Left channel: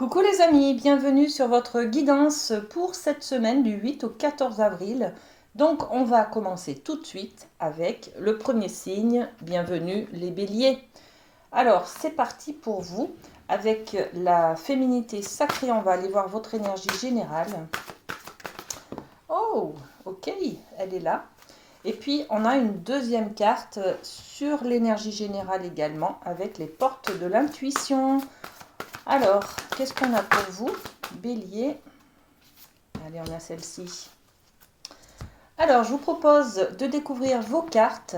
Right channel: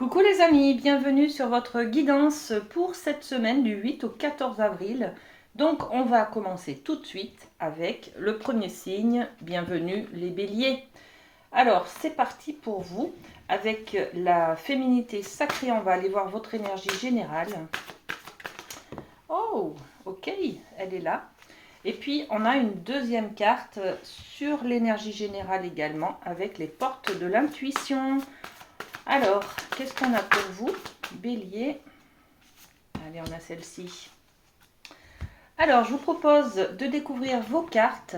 Coucou les amis, bienvenue sur votre guidance pour cette semaine du 8 au 14 avril. Donc on va commencer tout de suite avec le premier signe, bienvenue les béliers. Alors c'est parti pour vous avec la féminité sacrée, on va aller voir votre énergie générale. Oh, ok, elle est là. Et puis on a une deuxième carte sur l'énergie générale également avec les portes de l'intuition. Alors, qu'est-ce qu'on a pour vous, Bélier? Allez, on a celle-ci. Alors, je vous propose de découvrir vos cartes.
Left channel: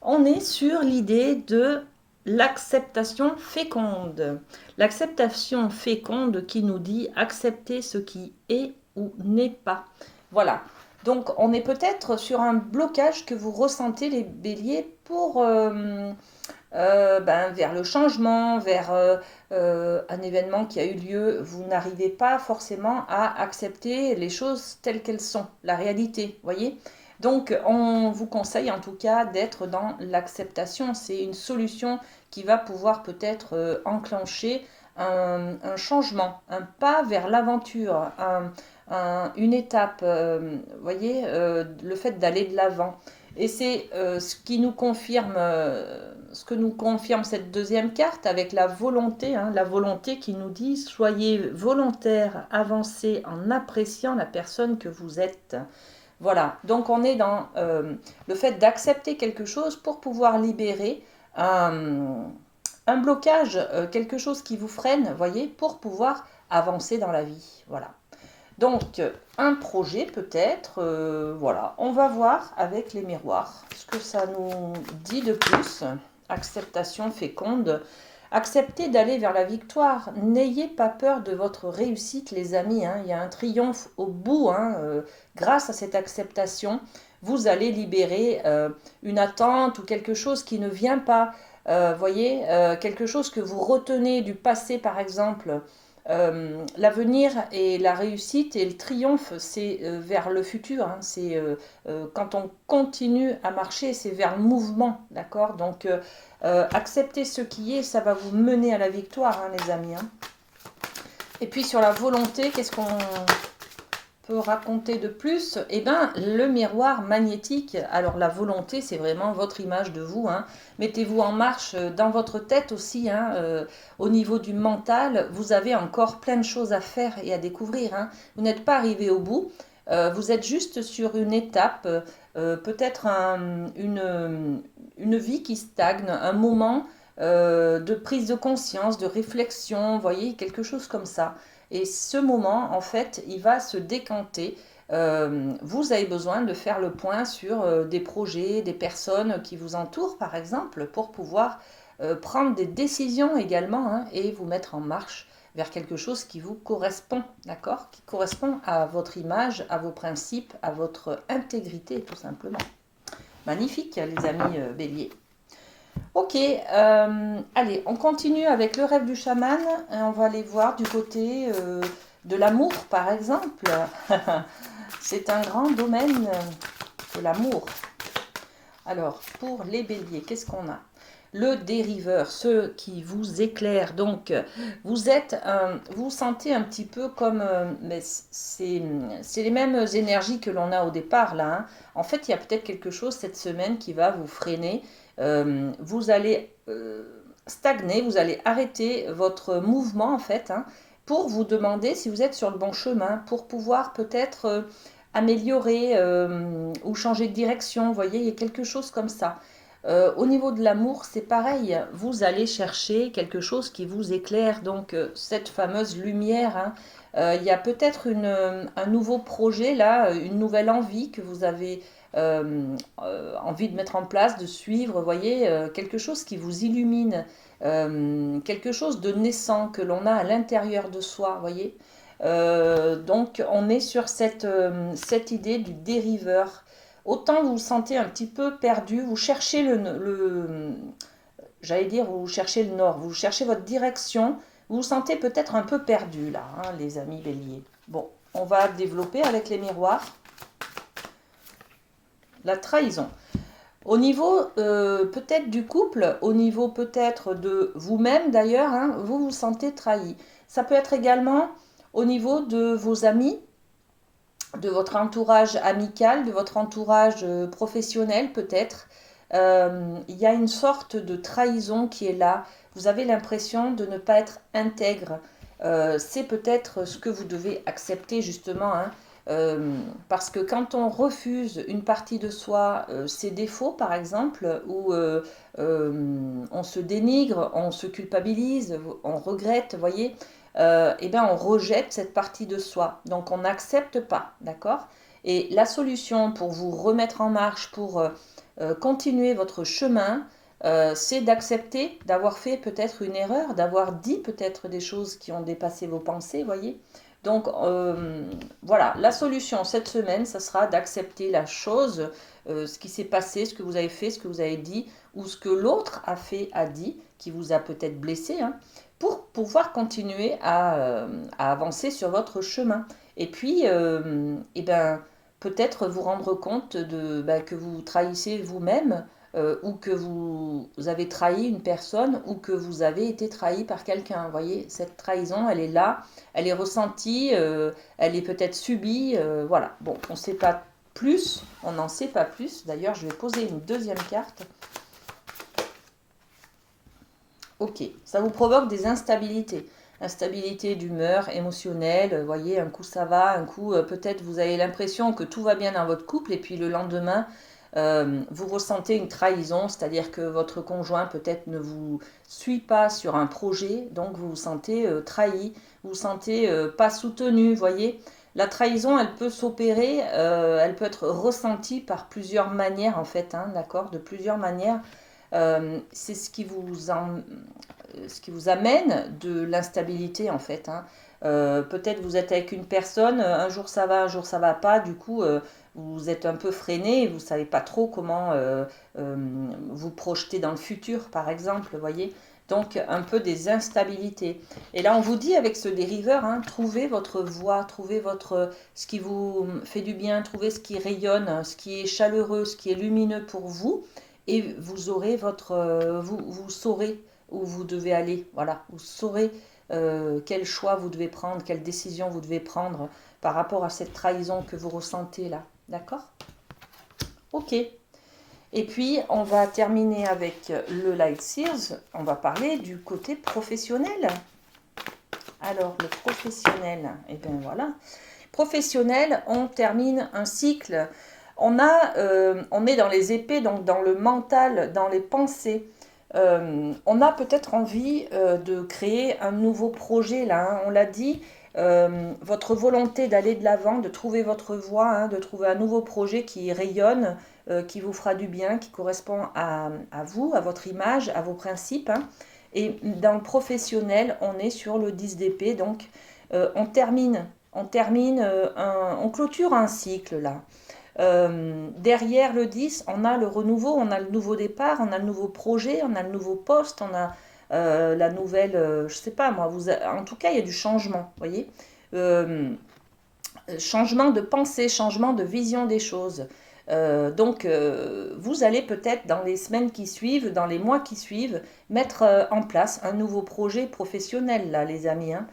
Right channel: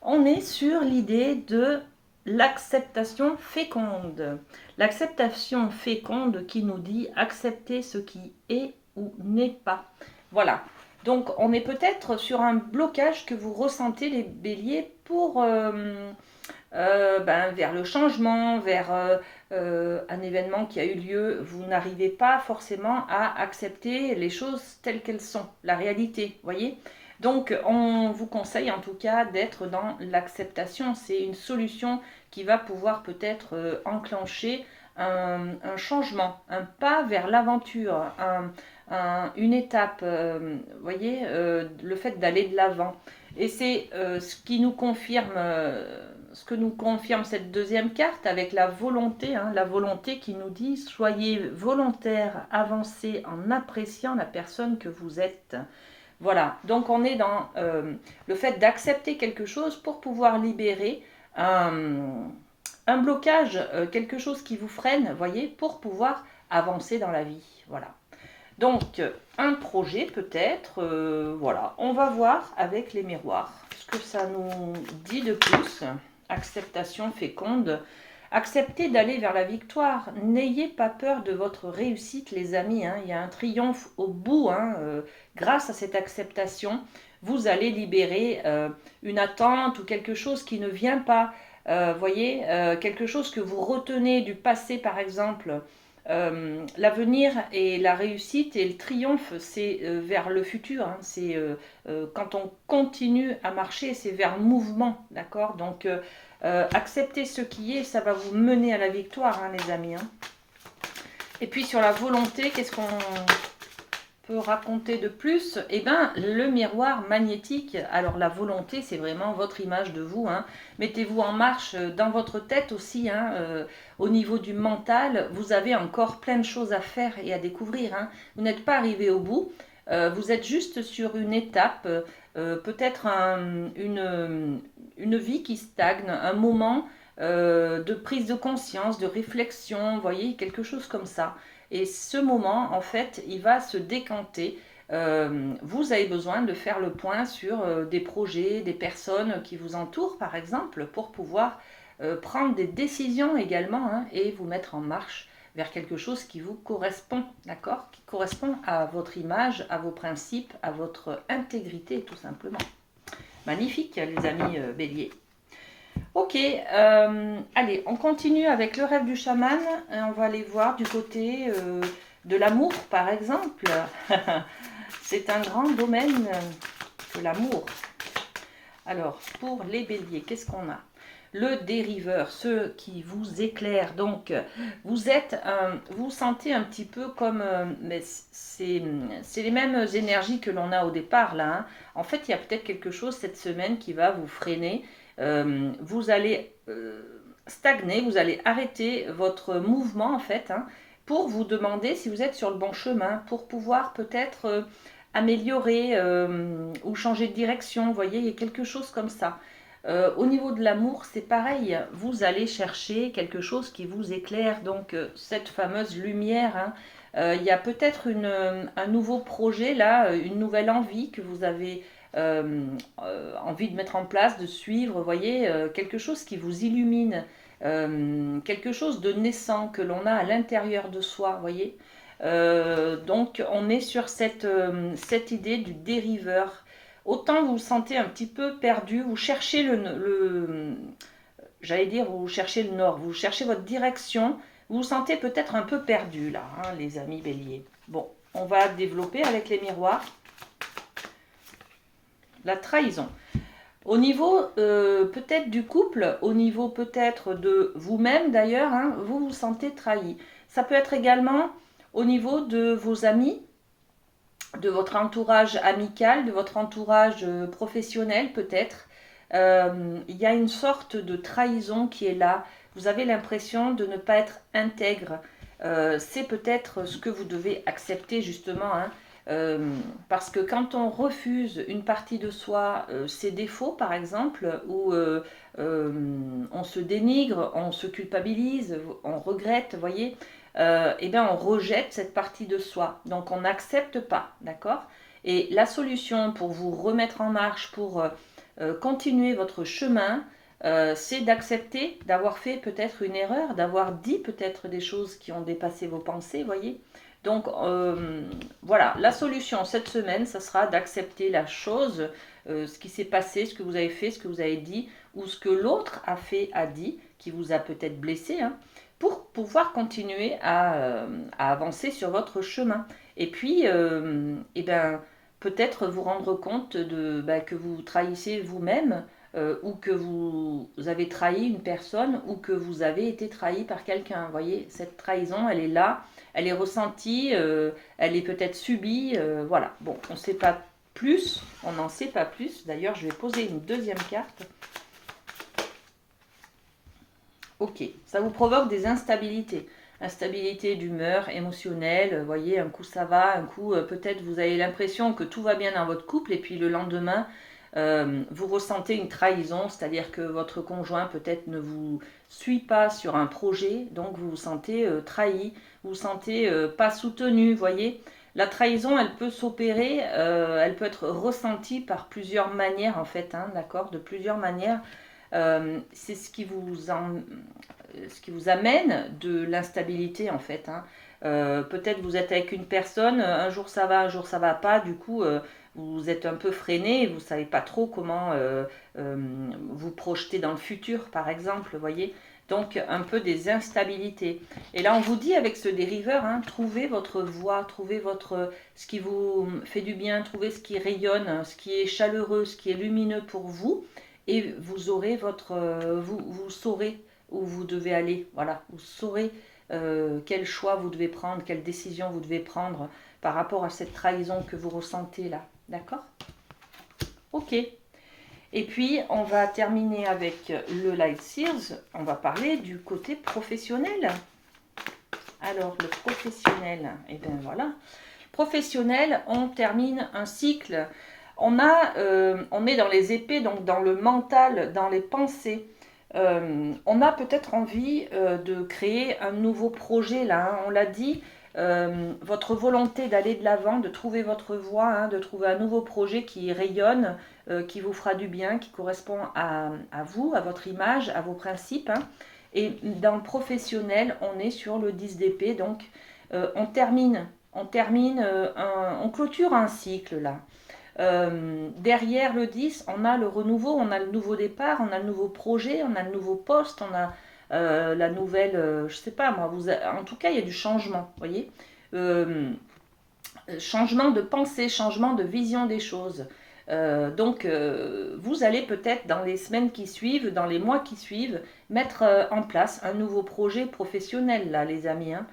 On est sur l'idée de l'acceptation féconde. L'acceptation féconde qui nous dit accepter ce qui est ou n'est pas. Voilà. Donc, on est peut-être sur un blocage que vous ressentez, les béliers, pour vers le changement, vers un événement qui a eu lieu. Vous n'arrivez pas forcément à accepter les choses telles qu'elles sont, la réalité, voyez. Donc on vous conseille en tout cas d'être dans l'acceptation. C'est une solution qui va pouvoir peut-être enclencher un changement, un pas vers l'aventure, une étape, voyez, le fait d'aller de l'avant. Et c'est ce que nous confirme cette deuxième carte avec la volonté, la volonté qui nous dit soyez volontaire, avancez en appréciant la personne que vous êtes. Voilà, donc on est dans le fait d'accepter quelque chose pour pouvoir libérer un blocage, quelque chose qui vous freine, voyez, pour pouvoir avancer dans la vie. Voilà. Donc, un projet peut-être, voilà, on va voir avec les miroirs ce que ça nous dit de plus. Acceptation féconde, acceptez d'aller vers la victoire, n'ayez pas peur de votre réussite les amis, il y a un triomphe au bout, grâce à cette acceptation, vous allez libérer une attente ou quelque chose qui ne vient pas, voyez, quelque chose que vous retenez du passé par exemple. L'avenir et la réussite et le triomphe, c'est vers le futur. C'est quand on continue à marcher, c'est vers le mouvement, d'accord. Donc, accepter ce qui est, ça va vous mener à la victoire, les amis. Et puis sur la volonté, qu'est-ce qu'on peut raconter de plus? Eh bien, le miroir magnétique. Alors la volonté, c'est vraiment votre image de vous. Mettez-vous en marche dans votre tête aussi. Au niveau du mental, vous avez encore plein de choses à faire et à découvrir. Vous n'êtes pas arrivé au bout. Vous êtes juste sur une étape, peut-être une vie qui stagne, un moment de prise de conscience, de réflexion, vous voyez, quelque chose comme ça. Et ce moment, en fait, il va se décanter. Vous avez besoin de faire le point sur des projets, des personnes qui vous entourent, par exemple, pour pouvoir prendre des décisions également et vous mettre en marche vers quelque chose qui vous correspond, d'accord? Qui correspond à votre image, à vos principes, à votre intégrité, tout simplement. Magnifique, les amis béliers. Ok, allez, on continue avec le rêve du chaman. On va aller voir du côté de l'amour, par exemple. C'est un grand domaine de l'amour. Alors, pour les béliers, qu'est-ce qu'on a? Le dériveur, ceux qui vous éclairent. Donc, vous sentez un petit peu comme, mais c'est les mêmes énergies que l'on a au départ là. En fait, il y a peut-être quelque chose cette semaine qui va vous freiner. Vous allez stagner, vous allez arrêter votre mouvement en fait, pour vous demander si vous êtes sur le bon chemin, pour pouvoir peut-être améliorer ou changer de direction. Vous voyez, il y a quelque chose comme ça. Au niveau de l'amour, c'est pareil. Vous allez chercher quelque chose qui vous éclaire, donc cette fameuse lumière. Il y a peut-être un nouveau projet là, une nouvelle envie que vous avez envie de mettre en place, de suivre, vous voyez, quelque chose qui vous illumine, quelque chose de naissant que l'on a à l'intérieur de soi, vous voyez. Donc on est sur cette idée du dériveur. Autant vous vous sentez un petit peu perdu, vous cherchez j'allais dire, vous cherchez le nord, vous cherchez votre direction, vous vous sentez peut-être un peu perdu là, les amis béliers. Bon, on va développer avec les miroirs. La trahison. Au niveau peut-être du couple, au niveau peut-être de vous-même d'ailleurs, vous vous sentez trahi. Ça peut être également au niveau de vos amis, de votre entourage amical, de votre entourage professionnel peut-être. Il y a une sorte de trahison qui est là. Vous avez l'impression de ne pas être intègre. C'est peut-être ce que vous devez accepter justement, hein. Parce que quand on refuse une partie de soi, ses défauts par exemple, ou on se dénigre, on se culpabilise, on regrette, vous voyez, eh bien on rejette cette partie de soi. Donc on n'accepte pas, d'accord? Et la solution pour vous remettre en marche, pour continuer votre chemin, c'est d'accepter d'avoir fait peut-être une erreur, d'avoir dit peut-être des choses qui ont dépassé vos pensées, voyez. Donc voilà, la solution cette semaine, ça sera d'accepter la chose, ce qui s'est passé, ce que vous avez fait, ce que vous avez dit, ou ce que l'autre a fait, a dit, qui vous a peut-être blessé, hein, pour pouvoir continuer à avancer sur votre chemin. Et puis, eh ben, peut-être vous rendre compte que vous trahissez vous-même, ou que vous avez trahi une personne, ou que vous avez été trahi par quelqu'un. Vous voyez, cette trahison, elle est là, elle est ressentie, elle est peut-être subie. Voilà, bon, on ne sait pas plus, on n'en sait pas plus. D'ailleurs, je vais poser une deuxième carte. Ok, ça vous provoque des instabilités. Instabilité d'humeur, émotionnelle, vous voyez, un coup ça va, un coup peut-être vous avez l'impression que tout va bien dans votre couple et puis le lendemain, vous ressentez une trahison, c'est-à-dire que votre conjoint peut-être ne vous suit pas sur un projet, donc vous vous sentez trahi, vous vous sentez pas soutenu, vous voyez. La trahison, elle peut s'opérer, elle peut être ressentie par plusieurs manières en fait, hein, d'accord, de plusieurs manières. C'est ce qui vous amène de l'instabilité en fait, hein. Peut-être vous êtes avec une personne, un jour ça va, un jour ça va pas, du coup vous êtes un peu freiné, vous savez pas trop comment vous projeter dans le futur par exemple, vous voyez. Donc un peu des instabilités. Et là on vous dit avec ce dériveur, hein, trouvez votre voie, trouvez ce qui vous fait du bien, trouvez ce qui rayonne, ce qui est chaleureux, ce qui est lumineux pour vous, et vous aurez vous saurez où vous devez aller. Voilà, vous saurez quel choix vous devez prendre, quelle décision vous devez prendre par rapport à cette trahison que vous ressentez là. D'accord? Ok. Et puis, on va terminer avec le Light Sears. On va parler du côté professionnel. Alors, le professionnel, et bien voilà. Professionnel, on termine un cycle. On est dans les épées, donc dans le mental, dans les pensées. On a peut-être envie de créer un nouveau projet là, hein, on l'a dit. Votre volonté d'aller de l'avant, de trouver votre voie, hein, de trouver un nouveau projet qui rayonne, qui vous fera du bien, qui correspond à vous, à votre image, à vos principes, hein. Et dans le professionnel, on est sur le 10 d'épée, donc on termine, on clôture un cycle là. Derrière le 10, on a le renouveau, on a le nouveau départ, on a le nouveau projet, on a le nouveau poste, on a la nouvelle, je sais pas moi, en tout cas il y a du changement, vous voyez. Changement de pensée, changement de vision des choses. Donc vous allez peut-être dans les semaines qui suivent, dans les mois qui suivent, mettre en place un nouveau projet professionnel là les amis, hein.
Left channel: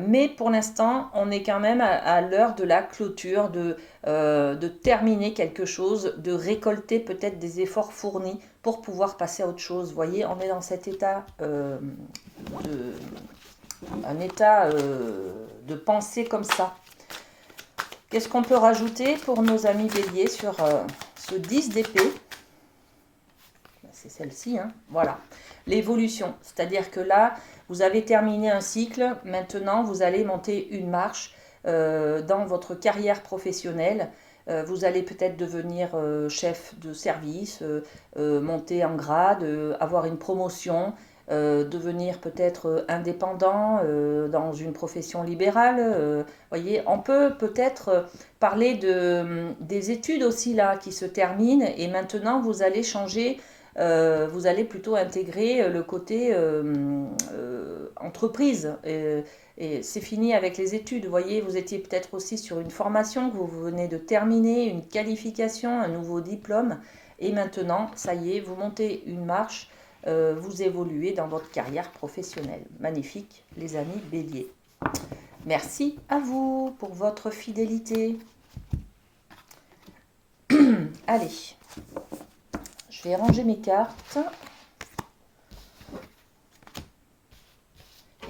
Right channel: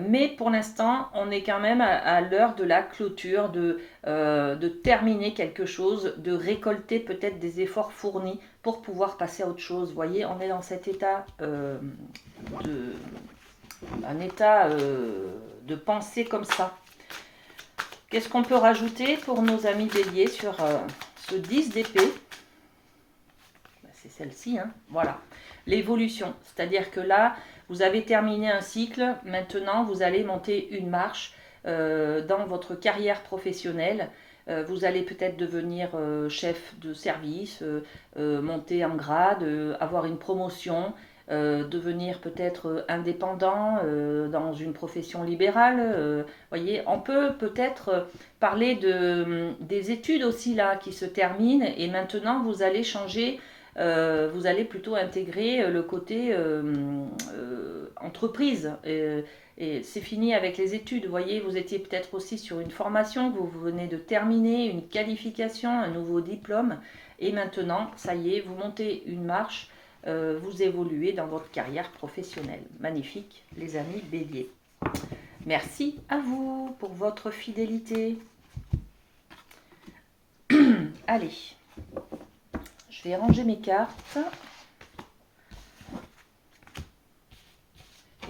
Mais pour l'instant, on est quand même à l'heure de la clôture, de terminer quelque chose, de récolter peut-être des efforts fournis pour pouvoir passer à autre chose. Vous voyez, on est dans cet état, un état de pensée comme ça. Qu'est-ce qu'on peut rajouter pour nos amis béliers sur ce 10 d'épée? C'est celle-ci, hein. Voilà. L'évolution, c'est-à-dire que là, vous avez terminé un cycle, maintenant vous allez monter une marche dans votre carrière professionnelle. Vous allez peut-être devenir chef de service, monter en grade, avoir une promotion, devenir peut-être indépendant dans une profession libérale. Voyez, on peut peut-être parler des études aussi là qui se terminent et maintenant vous allez changer. Vous allez plutôt intégrer le côté entreprise. Et c'est fini avec les études. Vous voyez, vous étiez peut-être aussi sur une formation que vous venez de terminer, une qualification, un nouveau diplôme. Et maintenant, ça y est, vous montez une marche vous évoluer dans votre carrière professionnelle. Magnifique, les amis Bélier. Merci à vous pour votre fidélité. Allez, je vais ranger mes cartes.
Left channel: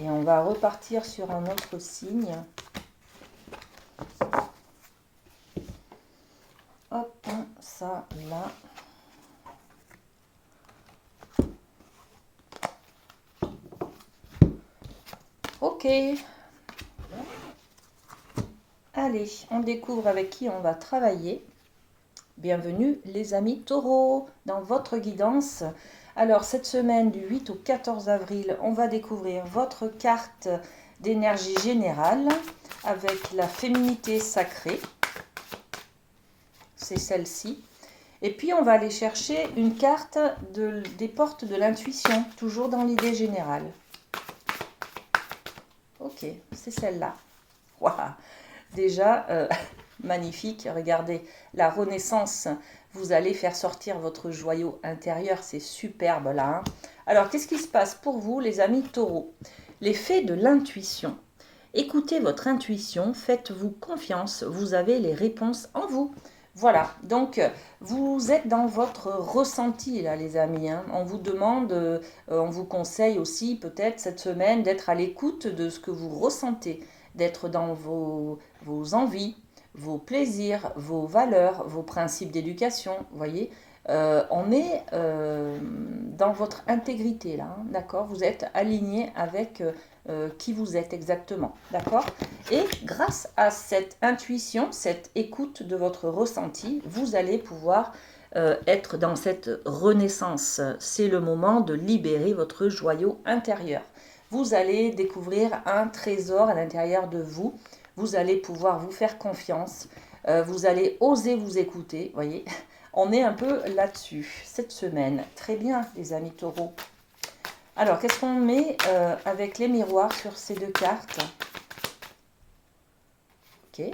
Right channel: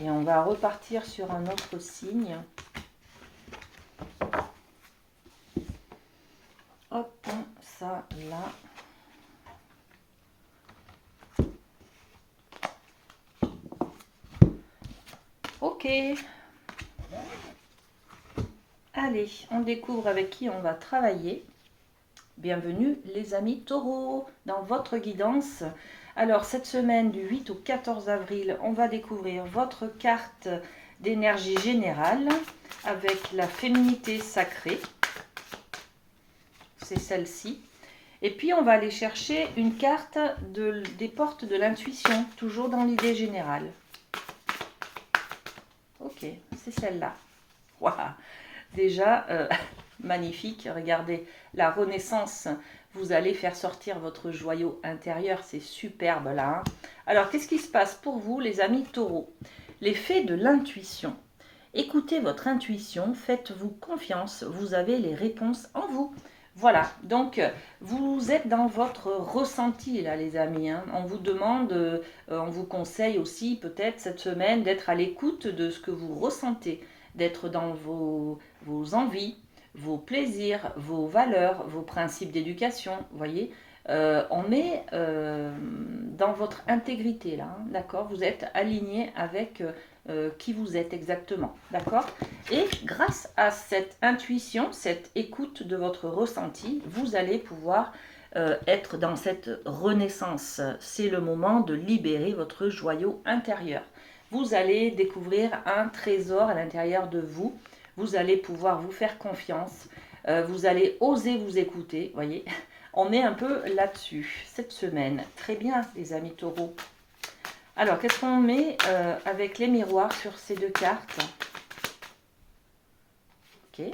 Et on va repartir sur un autre signe. Hop, ça, là. Ok. Allez, on découvre avec qui on va travailler. Bienvenue les amis taureaux dans votre guidance. Alors cette semaine du 8 au 14 avril, on va découvrir votre carte d'énergie générale avec la féminité sacrée. C'est celle-ci. Et puis on va aller chercher une carte des portes de l'intuition, toujours dans l'idée générale. Ok, c'est celle-là. Waouh, déjà, magnifique. Regardez, la renaissance. Vous allez faire sortir votre joyau intérieur. C'est superbe là. Hein. Alors, qu'est-ce qui se passe pour vous, les amis taureaux? L'effet de l'intuition. Écoutez votre intuition, faites-vous confiance. Vous avez les réponses en vous. Voilà, donc vous êtes dans votre ressenti là les amis, hein. On vous demande, on vous conseille aussi peut-être cette semaine d'être à l'écoute de ce que vous ressentez, d'être dans vos envies, vos plaisirs, vos valeurs, vos principes d'éducation, vous voyez. On est dans votre intégrité là, hein, d'accord? Vous êtes aligné avec qui vous êtes exactement, d'accord? Et grâce à cette intuition, cette écoute de votre ressenti, vous allez pouvoir être dans cette renaissance. C'est le moment de libérer votre joyau intérieur. Vous allez découvrir un trésor à l'intérieur de vous. Vous allez pouvoir vous faire confiance. Vous allez oser vous écouter, voyez. On est un peu là-dessus cette semaine. Très bien, les amis taureaux. Alors, qu'est-ce qu'on met avec les miroirs sur ces deux cartes? Ok,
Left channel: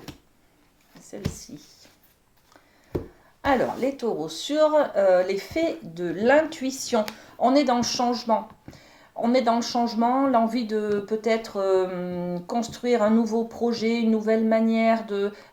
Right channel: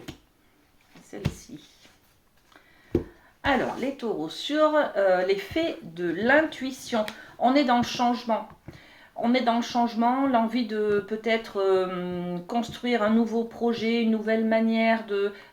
celle-ci. Alors, les taureaux, sur l'effet de l'intuition, on est dans le changement. On est dans le changement, l'envie de peut-être construire un nouveau projet, une nouvelle manière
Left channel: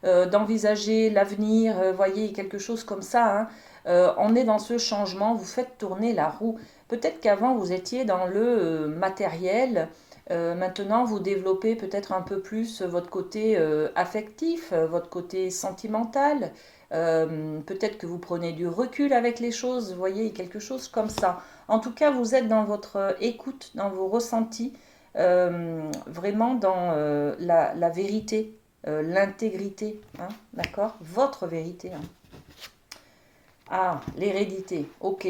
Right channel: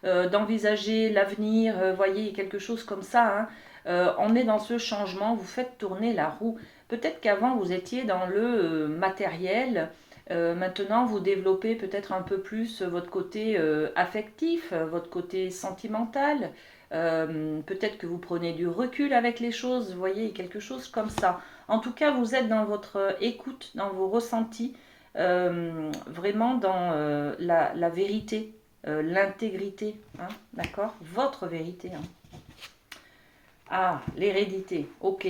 d'envisager l'avenir, voyez, quelque chose comme ça. Hein. On est dans ce changement, vous faites tourner la roue. Peut-être qu'avant, vous étiez dans le matériel. Maintenant, vous développez peut-être un peu plus votre côté affectif, votre côté sentimental. Peut-être que vous prenez du recul avec les choses, vous voyez, quelque chose comme ça. En tout cas, vous êtes dans votre écoute, dans vos ressentis, vraiment dans la vérité, l'intégrité, hein, d'accord? Votre vérité. Hein. Ah, l'hérédité, ok.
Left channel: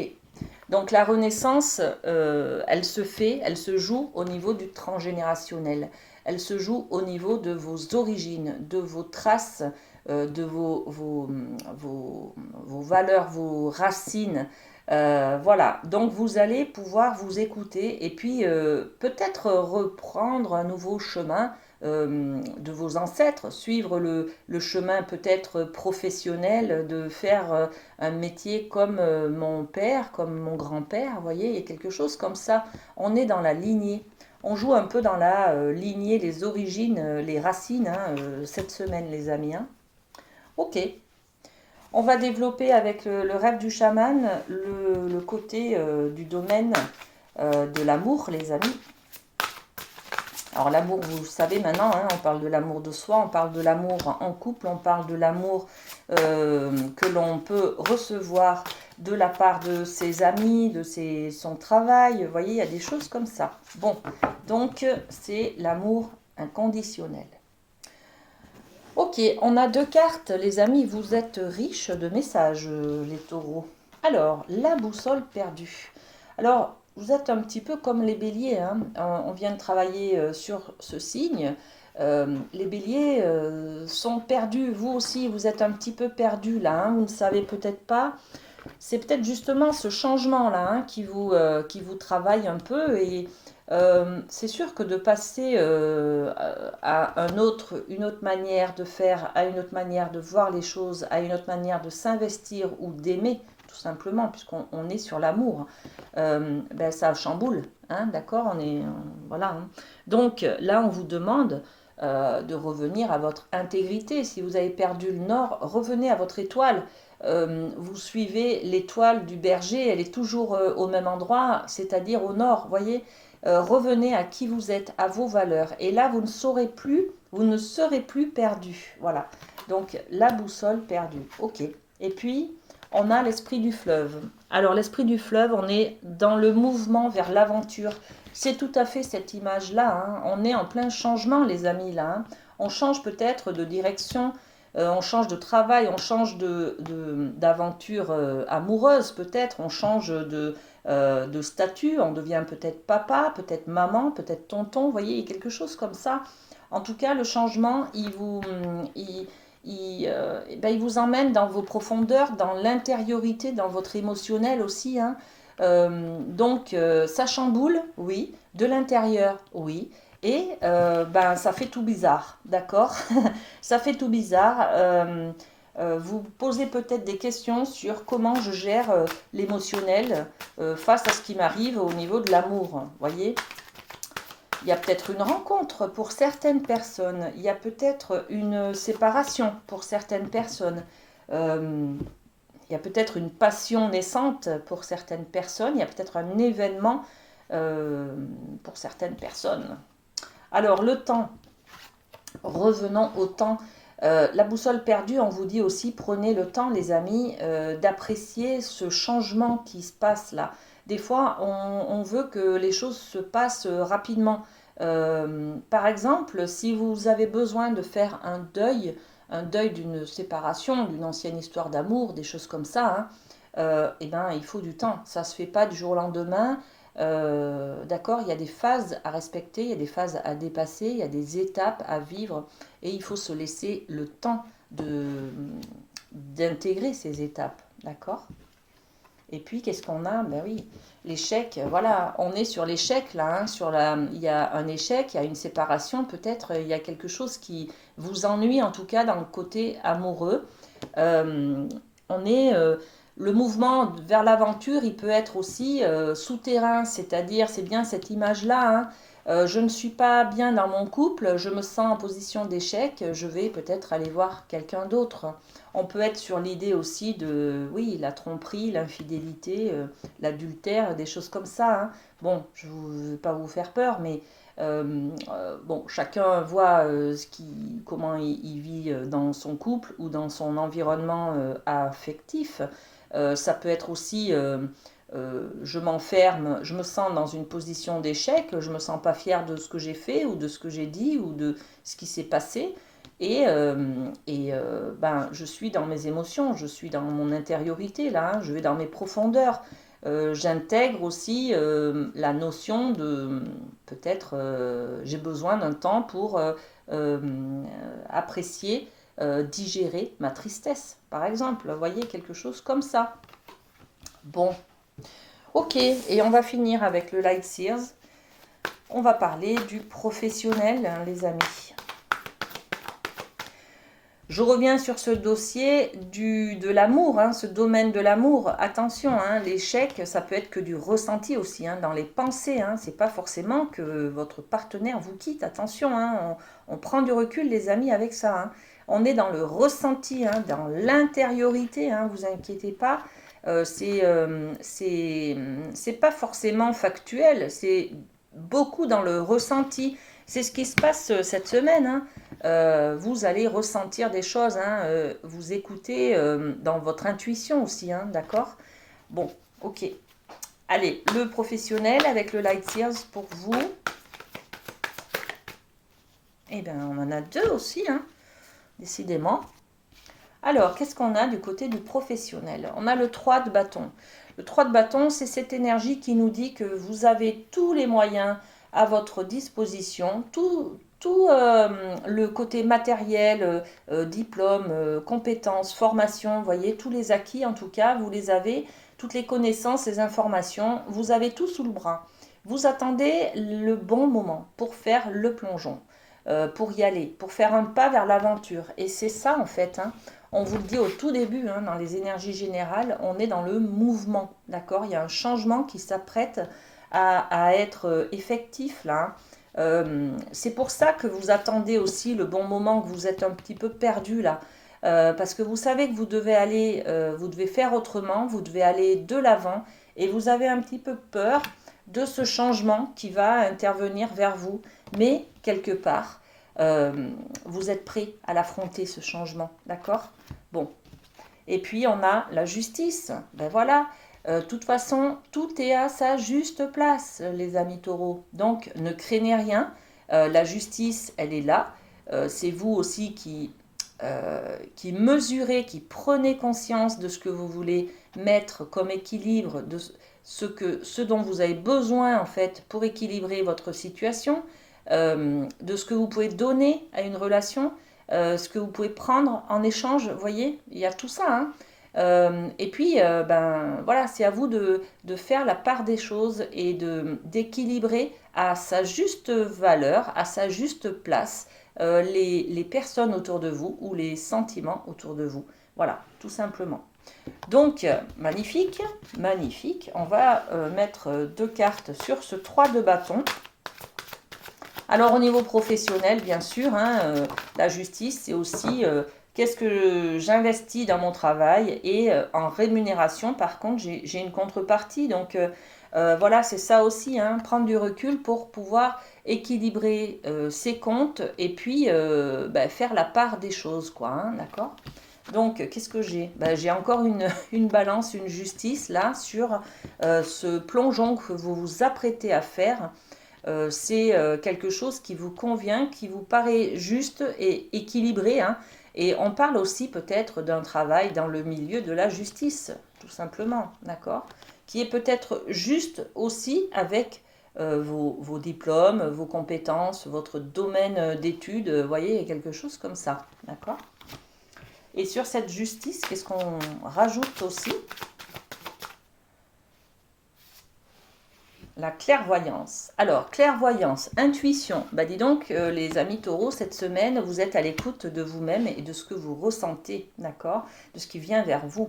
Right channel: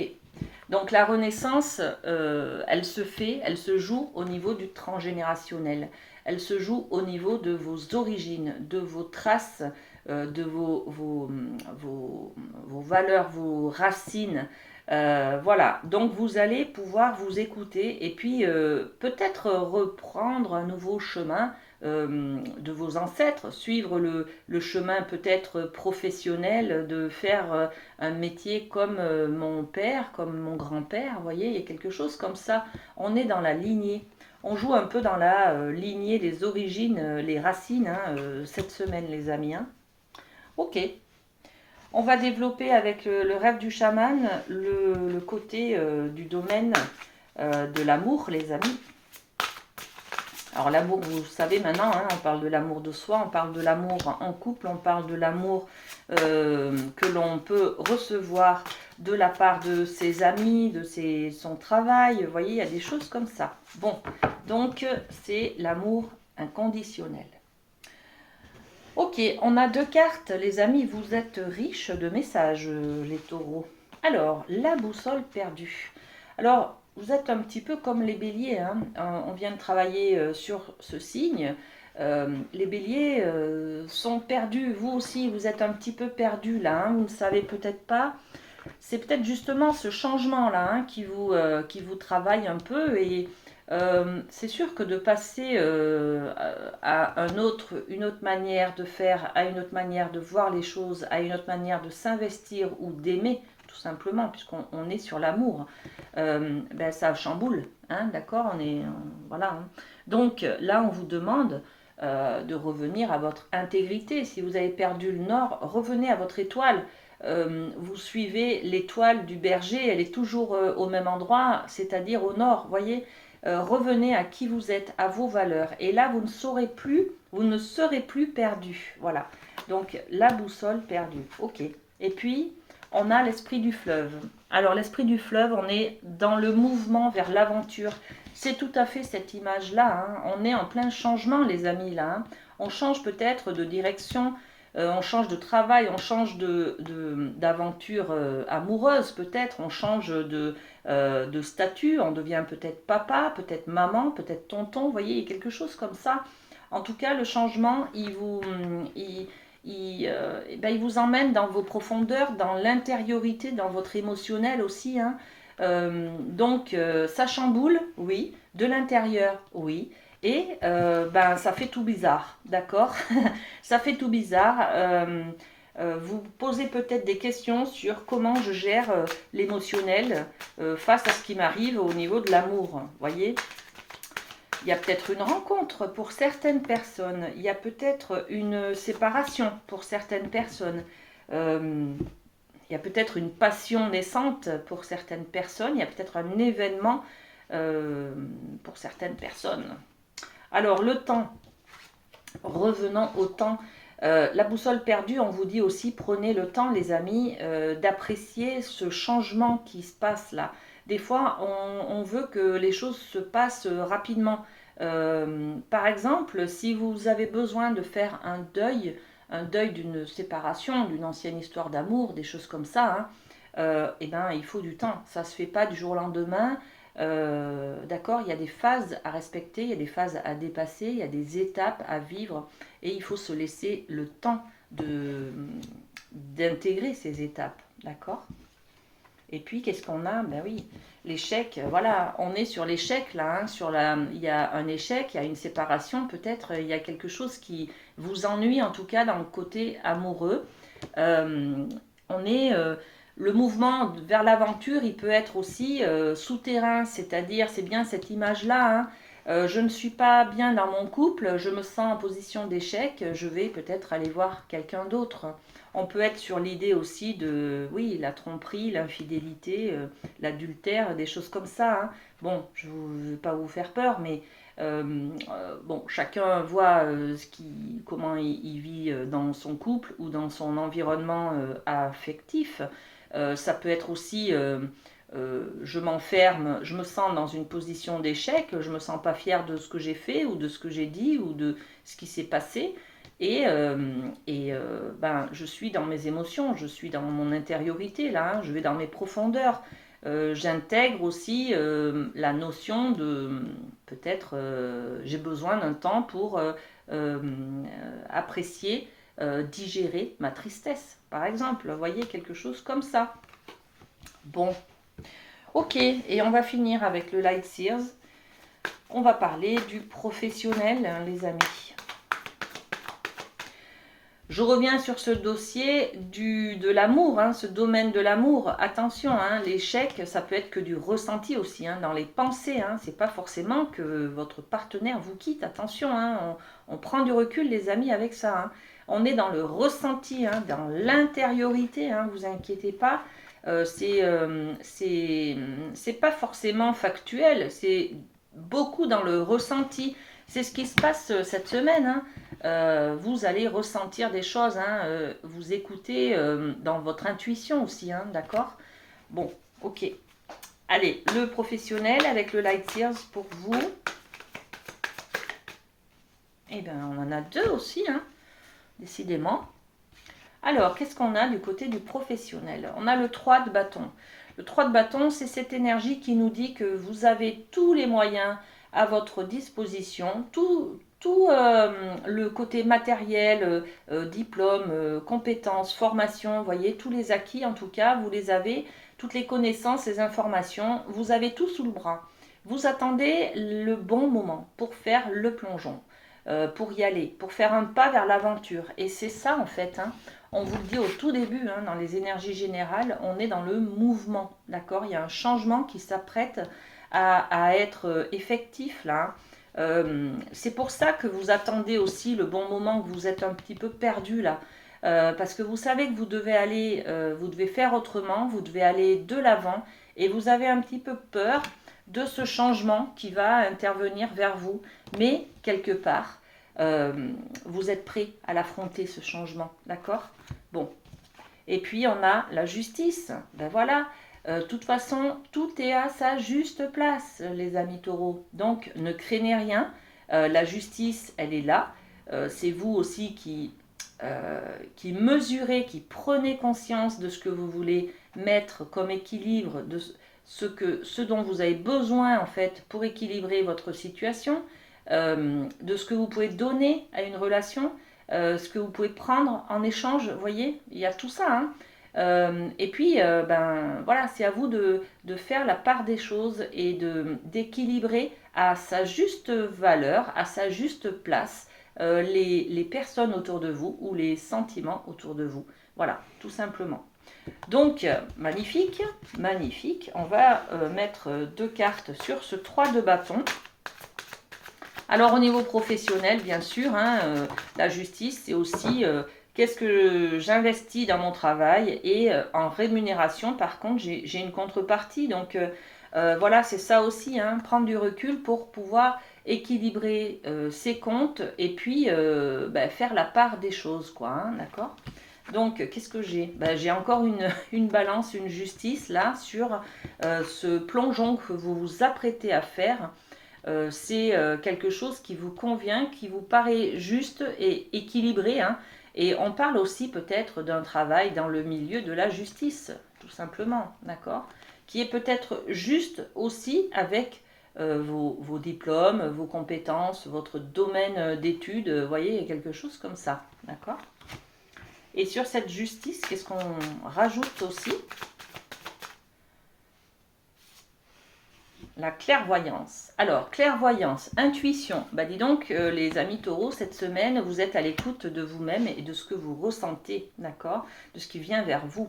Donc la renaissance, elle se fait, elle se joue au niveau du transgénérationnel. Elle se joue au niveau de vos origines, de vos traces, de vos valeurs, vos racines. Voilà, donc vous allez pouvoir vous écouter et puis peut-être reprendre un nouveau chemin de vos ancêtres, suivre le chemin peut-être professionnel, de faire un métier comme mon père, comme mon grand-père, vous voyez, il y a quelque chose comme ça. On est dans la lignée. On joue un peu dans la lignée, les origines, les racines, hein, cette semaine, les amis. Hein. Ok. On va développer avec le rêve du chaman le côté du domaine de l'amour, les amis. Alors l'amour, vous savez maintenant, hein, on parle de l'amour de soi, on parle de l'amour en couple, on parle de l'amour que l'on peut recevoir de la part de ses amis, de son travail. Vous voyez, il y a des choses comme ça. Bon, donc c'est l'amour inconditionnel. Ok, on a deux cartes, les amis, vous êtes riches de messages, les taureaux. Alors, la boussole perdue. Alors, vous êtes un petit peu comme les béliers, hein. On vient de travailler sur ce signe. Les béliers sont perdus, vous aussi, vous êtes un petit peu perdus là, hein. Vous ne savez peut-être pas. C'est peut-être justement ce changement-là hein, qui vous travaille un peu et c'est sûr que de passer à une autre manière de faire, à une autre manière de voir les choses, à une autre manière de s'investir ou d'aimer tout simplement, puisqu'on est sur l'amour. Ben, ça chamboule, hein, d'accord, voilà. Hein. Donc là, on vous demande de revenir à votre intégrité. Si vous avez perdu le nord, revenez à votre étoile. Vous suivez l'étoile du berger, elle est toujours au même endroit, c'est-à-dire au nord, voyez. Revenez à qui vous êtes, à vos valeurs. Et là, vous ne serez plus perdu. Voilà. Donc, la boussole perdue. OK. Et puis, on a l'esprit du fleuve. Alors, l'esprit du fleuve, on est dans le mouvement vers l'aventure. C'est tout à fait cette image-là. Hein. On est en plein changement, les amis, là. Hein. On change peut-être de direction, on change de travail, on change d'aventure amoureuse, peut-être. On change de statut, on devient peut-être papa, peut-être maman, peut-être tonton. Vous voyez, il y a quelque chose comme ça. En tout cas, le changement, il vous emmène dans vos profondeurs, dans l'intériorité, dans votre émotionnel aussi. Hein. Ça chamboule, oui, de l'intérieur, oui. Et ça fait tout bizarre, d'accord. Ça fait tout bizarre. Vous posez peut-être des questions sur comment je gère l'émotionnel face à ce qui m'arrive au niveau de l'amour. Voyez, il y a peut-être une rencontre pour certaines personnes, il y a peut-être une séparation pour certaines personnes, il y a peut-être une passion naissante pour certaines personnes, il y a peut-être un événement pour certaines personnes. Alors le temps, revenons au temps. La boussole perdue, on vous dit aussi, prenez le temps, les amis, d'apprécier ce changement qui se passe là. Des fois, on veut que les choses se passent rapidement. Par exemple, si vous avez besoin de faire un deuil d'une séparation, d'une ancienne histoire d'amour, des choses comme ça, hein, il faut du temps. Ça ne se fait pas du jour au lendemain. D'accord, il y a des phases à respecter, il y a des phases à dépasser, il y a des étapes à vivre et il faut se laisser le temps d'intégrer ces étapes. D'accord. Et puis, qu'est-ce qu'on a? Ben oui, l'échec, voilà, on est sur l'échec là. Hein, il y a un échec, il y a une séparation, peut-être, il y a quelque chose qui vous ennuie, en tout cas dans le côté amoureux. Euh, on est. Le mouvement vers l'aventure, il peut être aussi souterrain, c'est-à-dire, c'est bien cette image-là. Hein, je ne suis pas bien dans mon couple, je me sens en position d'échec, je vais peut-être aller voir quelqu'un d'autre. On peut être sur l'idée aussi de, oui, la tromperie, l'infidélité, l'adultère, des choses comme ça. Hein. Bon, je ne vais pas vous faire peur, mais bon, chacun voit comment il vit dans son couple ou dans son environnement affectif. Ça peut être aussi, je m'enferme, je me sens dans une position d'échec, je ne me sens pas fière de ce que j'ai fait ou de ce que j'ai dit ou de ce qui s'est passé. Je suis dans mes émotions, je suis dans mon intériorité, là, hein, je vais dans mes profondeurs. J'intègre aussi la notion de peut-être j'ai besoin d'un temps pour apprécier, digérer ma tristesse, par exemple. Vous voyez, quelque chose comme ça. Bon, ok, et on va finir avec le Light Seers. On va parler du professionnel, hein, les amis. Je reviens sur ce dossier de l'amour, hein, ce domaine de l'amour. Attention, hein, l'échec, ça peut être que du ressenti aussi, hein, dans les pensées. Hein, c'est pas forcément que votre partenaire vous quitte. Attention, hein, on prend du recul, les amis, avec ça. Hein. On est dans le ressenti, hein, dans l'intériorité. Hein, vous inquiétez pas. C'est pas forcément factuel. C'est beaucoup dans le ressenti. C'est ce qui se passe cette semaine. Hein. Vous allez ressentir des choses, hein, vous écoutez dans votre intuition aussi, hein, d'accord. Bon, ok. Allez, le professionnel avec le Light Seers pour vous. Eh bien, on en a deux aussi, hein, décidément. Alors, qu'est-ce qu'on a du côté du professionnel? On a le 3 de bâton. Le 3 de bâton, c'est cette énergie qui nous dit que vous avez tous les moyens à votre disposition, tout le côté matériel, diplôme, compétences, formation, vous voyez, tous les acquis en tout cas, vous les avez, toutes les connaissances, les informations, vous avez tout sous le bras. Vous attendez le bon moment pour faire le plongeon, pour y aller, pour faire un pas vers l'aventure. Et c'est ça en fait, hein. on vous le dit au tout début, hein, dans les énergies générales, on est dans le mouvement, d'accord? Il y a un changement qui s'apprête à être effectif là, hein. C'est pour ça que vous attendez aussi le bon moment, que vous êtes un petit peu perdu là. Parce que vous savez que vous devez aller, vous devez faire autrement, vous devez aller de l'avant et vous avez un petit peu peur de ce changement qui va intervenir vers vous. Mais quelque part, vous êtes prêt à l'affronter, ce changement, d'accord? Bon. Et puis on a la justice. Ben voilà. De toute façon, tout est à sa juste place, les amis taureaux. Donc ne craignez rien. La justice, elle est là. C'est vous aussi qui mesurez, qui prenez conscience de ce que vous voulez mettre comme équilibre, de ce dont vous avez besoin en fait pour équilibrer votre situation, de ce que vous pouvez donner à une relation, ce que vous pouvez prendre en échange. Vous voyez, il y a tout ça, hein. Et puis, ben voilà, c'est à vous de faire la part des choses et d'équilibrer à sa juste valeur, à sa juste place, les personnes autour de vous ou les sentiments autour de vous. Voilà, tout simplement. Donc, magnifique, magnifique. On va mettre deux cartes sur ce 3 de bâton. Alors, au niveau professionnel, bien sûr, hein, la justice, c'est aussi qu'est-ce que j'investis dans mon travail et en rémunération, par contre, j'ai une contrepartie. Donc, voilà, c'est ça aussi, hein, prendre du recul pour pouvoir équilibrer ses comptes et puis ben, faire la part des choses, quoi, hein, d'accord? Donc, qu'est-ce que j'ai? Ben, j'ai encore une balance, une justice là sur ce plongeon que vous vous apprêtez à faire. C'est quelque chose qui vous convient, qui vous paraît juste et équilibré, hein. Et on parle aussi peut-être d'un travail dans le milieu de la justice, tout simplement, d'accord? Qui est peut-être juste aussi avec vos diplômes, vos compétences, votre domaine d'études, vous voyez, il y a quelque chose comme ça, d'accord? Et sur cette justice, qu'est-ce qu'on rajoute aussi? La clairvoyance. Alors, clairvoyance, intuition. Bah dis donc, les amis taureaux, cette semaine, vous êtes à l'écoute de vous-même et de ce que vous ressentez, d'accord? De ce qui vient vers vous.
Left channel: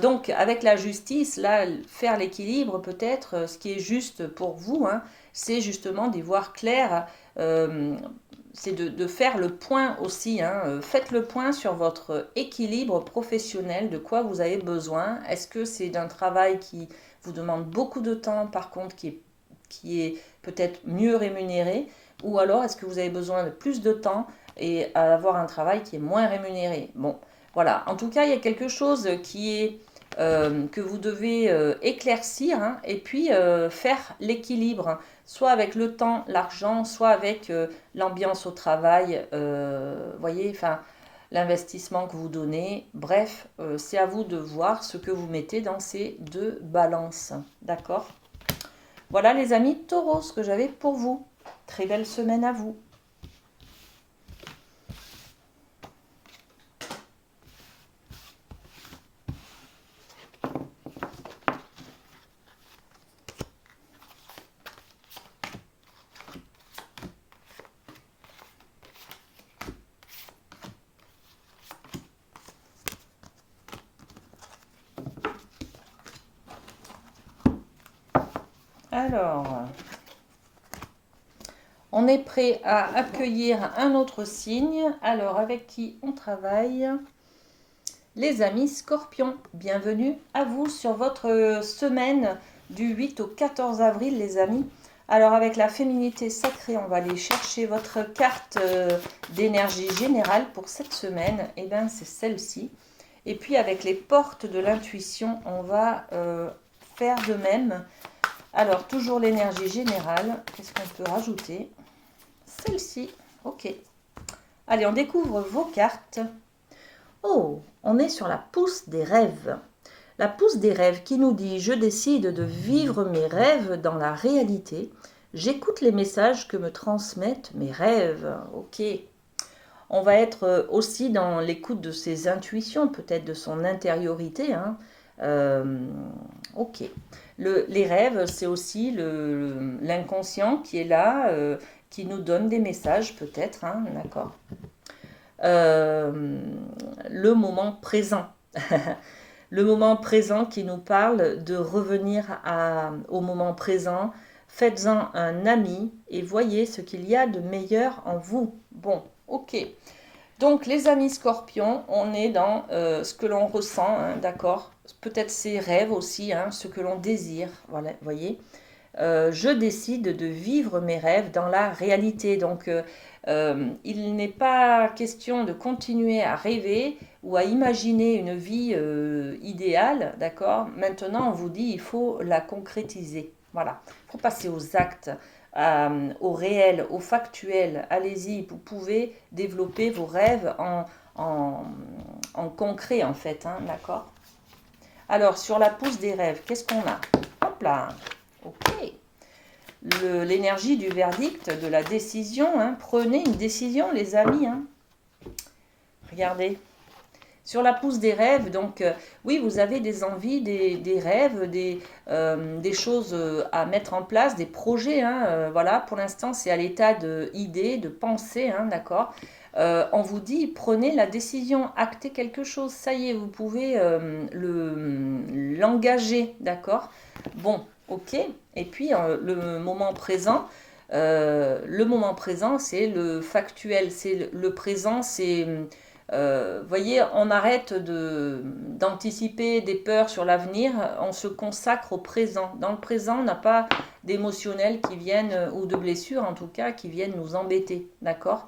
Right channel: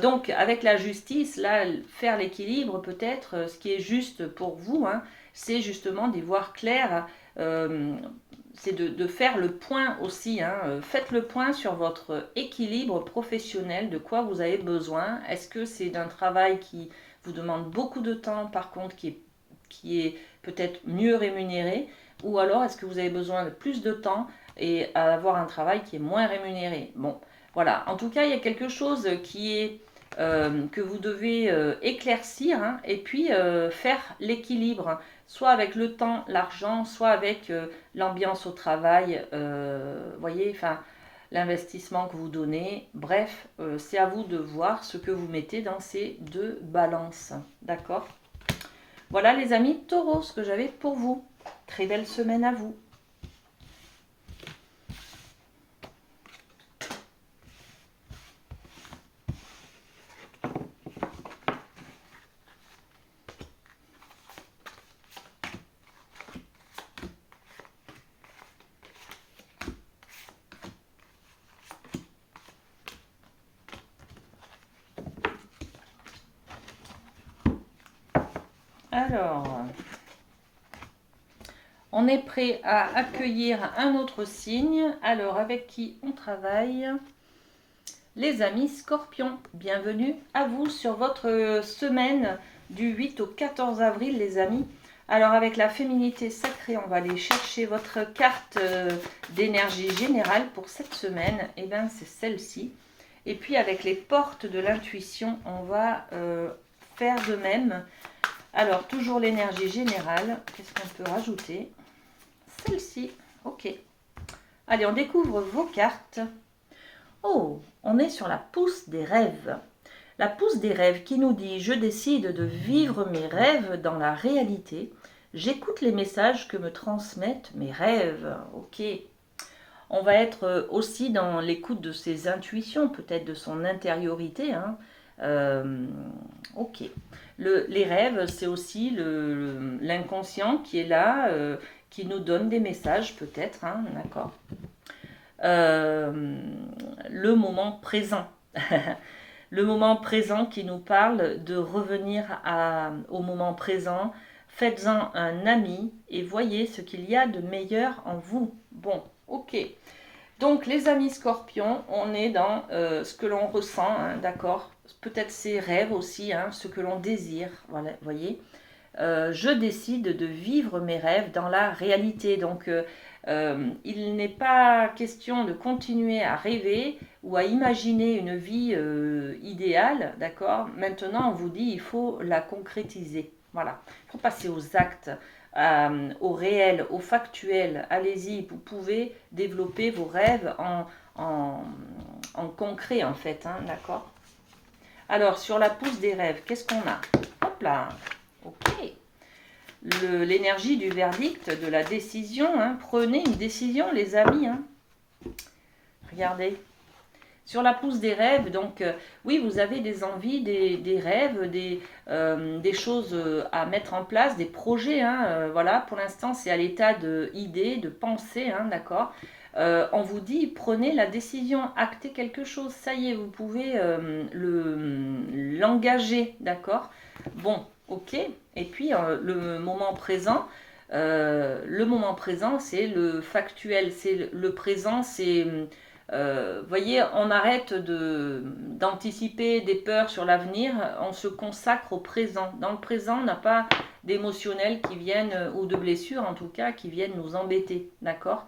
Donc, avec la justice, là, faire l'équilibre, peut-être, ce qui est juste pour vous, hein, c'est justement d'y voir clair. C'est de faire le point aussi, hein. Faites le point sur votre équilibre professionnel, de quoi vous avez besoin. Est-ce que c'est d'un travail qui vous demande beaucoup de temps, par contre, qui est peut-être mieux rémunéré, ou alors est-ce que vous avez besoin de plus de temps et avoir un travail qui est moins rémunéré? Bon, voilà. En tout cas, il y a quelque chose qui est que vous devez éclaircir, hein, et puis faire l'équilibre, soit avec le temps, l'argent, soit avec l'ambiance au travail, voyez, enfin, l'investissement que vous donnez. Bref, c'est à vous de voir ce que vous mettez dans ces deux balances. D'accord? Voilà les amis taureaux, ce que j'avais pour vous. Très belle semaine à vous. Alors, on est prêt à accueillir un autre signe. Alors, avec qui on travaille? Les amis scorpions, bienvenue à vous sur votre semaine du 8 au 14 avril, les amis. Alors, avec la féminité sacrée, on va aller chercher votre carte d'énergie générale pour cette semaine. Et bien, c'est celle-ci. Et puis, avec les portes de l'intuition, on va faire de même. Alors, toujours l'énergie générale. Qu'est-ce qu'on peut rajouter? Celle-ci. Ok. Allez, on découvre vos cartes. Oh, on est sur la pousse des rêves. La pousse des rêves qui nous dit « Je décide de vivre mes rêves dans la réalité. J'écoute les messages que me transmettent mes rêves. » Ok. On va être aussi dans l'écoute de ses intuitions, peut-être de son intériorité, hein. Ok. Les rêves, c'est aussi l'inconscient qui est là, qui nous donne des messages peut-être, hein, d'accord. euh, le moment présent. Le moment présent qui nous parle de revenir au moment présent. Faites-en un ami et voyez ce qu'il y a de meilleur en vous. Bon, ok. Donc les amis scorpions, on est dans ce que l'on ressent, hein, d'accord? Peut-être ses rêves aussi, hein, ce que l'on désire, voilà, voyez. Je décide de vivre mes rêves dans la réalité. Donc, il n'est pas question de continuer à rêver ou à imaginer une vie idéale, d'accord? Maintenant, on vous dit il faut la concrétiser. Voilà, il faut passer aux actes, au réel, au factuel. Allez-y, vous pouvez développer vos rêves en, en concret, en fait, hein, d'accord? Alors, sur la pousse des rêves, qu'est-ce qu'on a? Hop là, ok. L'énergie du verdict, de la décision. Hein. Prenez une décision, les amis. Hein. Regardez. Sur la pousse des rêves, donc oui, vous avez des envies, des rêves, des choses à mettre en place, des projets. Hein, voilà, pour l'instant, c'est à l'état d'idées, de pensées, hein, d'accord. On vous dit, prenez la décision, actez quelque chose. Ça y est, vous pouvez l'engager, d'accord. Bon, ok. Et puis, le moment présent, c'est le factuel, c'est le présent, c'est voyez, on arrête d'anticiper des peurs sur l'avenir, on se consacre au présent. Dans le présent, on n'a pas d'émotionnels qui viennent, ou de blessures en tout cas, qui viennent nous embêter, d'accord?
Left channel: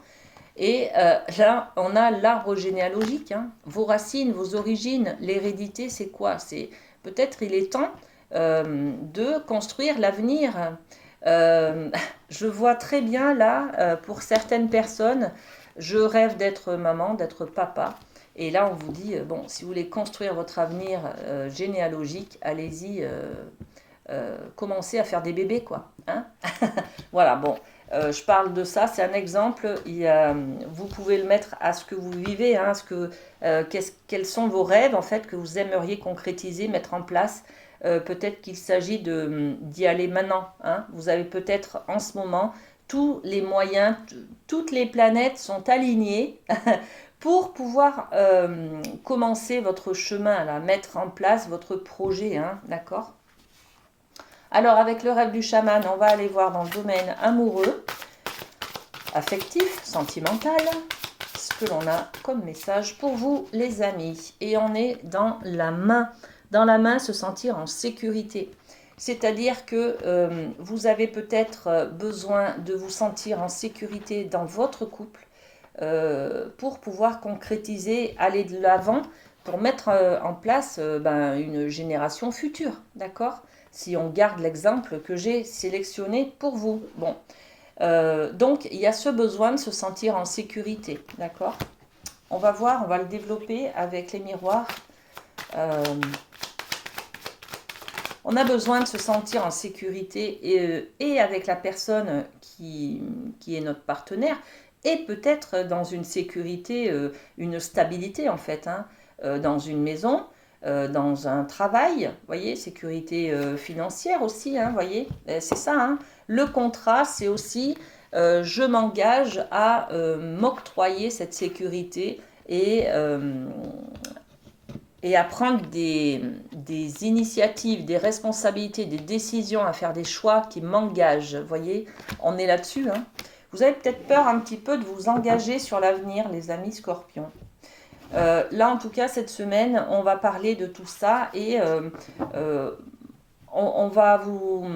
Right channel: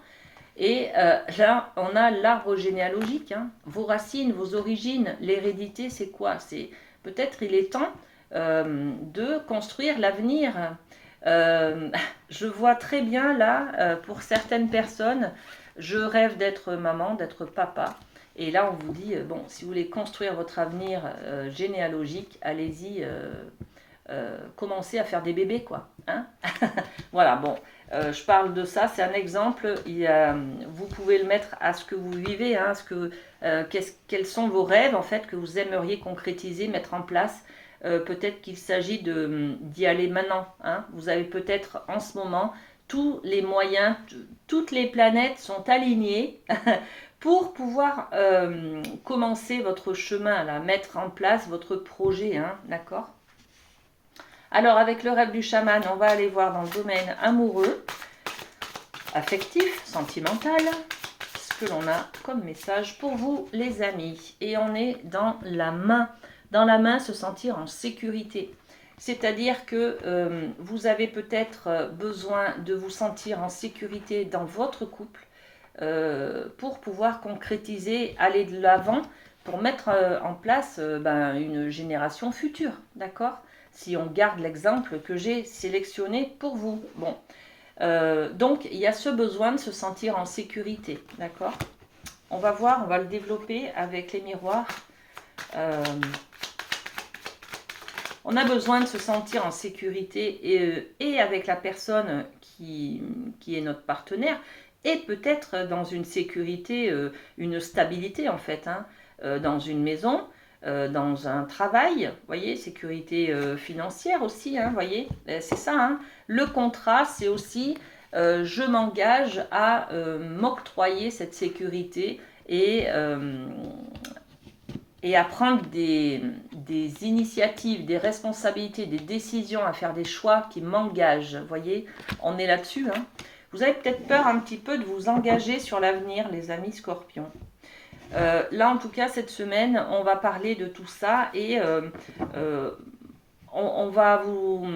Et là, on a l'arbre généalogique, hein. Vos racines, vos origines, l'hérédité, c'est quoi? C'est peut-être il est temps de construire l'avenir. Euh, je vois très bien là, pour certaines personnes, je rêve d'être maman, d'être papa. Et là, on vous dit, bon, si vous voulez construire votre avenir généalogique, allez-y, commencez à faire des bébés, quoi. Hein. Voilà, bon, je parle de ça, c'est un exemple. Vous pouvez le mettre à ce que vous vivez, hein, quels sont vos rêves, en fait, que vous aimeriez concrétiser, mettre en place. Peut-être qu'il s'agit d'y aller maintenant. Hein. Vous avez peut-être en ce moment tous les moyens, toutes les planètes sont alignées pour pouvoir commencer votre chemin, là, mettre en place votre projet, hein, d'accord? Alors, avec le rêve du chaman, on va aller voir dans le domaine amoureux, affectif, sentimental, ce que l'on a comme message pour vous, les amis. Et on est dans la main. Dans la main, se sentir en sécurité. C'est-à-dire que vous avez peut-être besoin de vous sentir en sécurité dans votre couple pour pouvoir concrétiser, aller de l'avant, pour mettre en place une génération future, d'accord? Si on garde l'exemple que j'ai sélectionné pour vous. Bon, donc il y a ce besoin de se sentir en sécurité, d'accord? On va voir, on va le développer avec les miroirs. On a besoin de se sentir en sécurité et avec la personne qui est notre partenaire et peut-être dans une sécurité, une stabilité en fait, hein, dans une maison, dans un travail, voyez, sécurité financière aussi, hein, voyez, c'est ça. Hein. Le contrat, c'est aussi je m'engage à m'octroyer cette sécurité et à prendre des initiatives, des responsabilités, des décisions, à faire des choix qui m'engagent. Vous voyez, on est là-dessus. Hein. Vous avez peut-être peur un petit peu de vous engager sur l'avenir, les amis scorpions. Là, en tout cas, cette semaine, on va parler de tout ça et on va vous...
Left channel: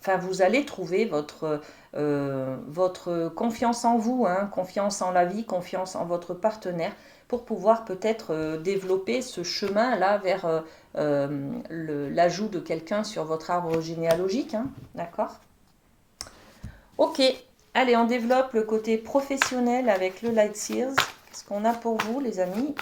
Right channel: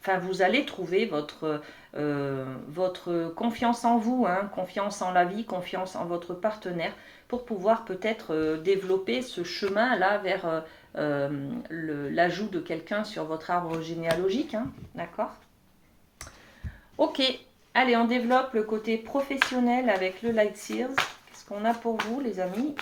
Enfin, vous allez trouver votre confiance en vous, hein, confiance en la vie, confiance en votre partenaire, pour pouvoir peut-être développer ce chemin-là vers l'ajout de quelqu'un sur votre arbre généalogique. Hein, d'accord? Ok, allez, on développe le côté professionnel avec le Light Seals. Qu'est-ce qu'on a pour vous, les amis?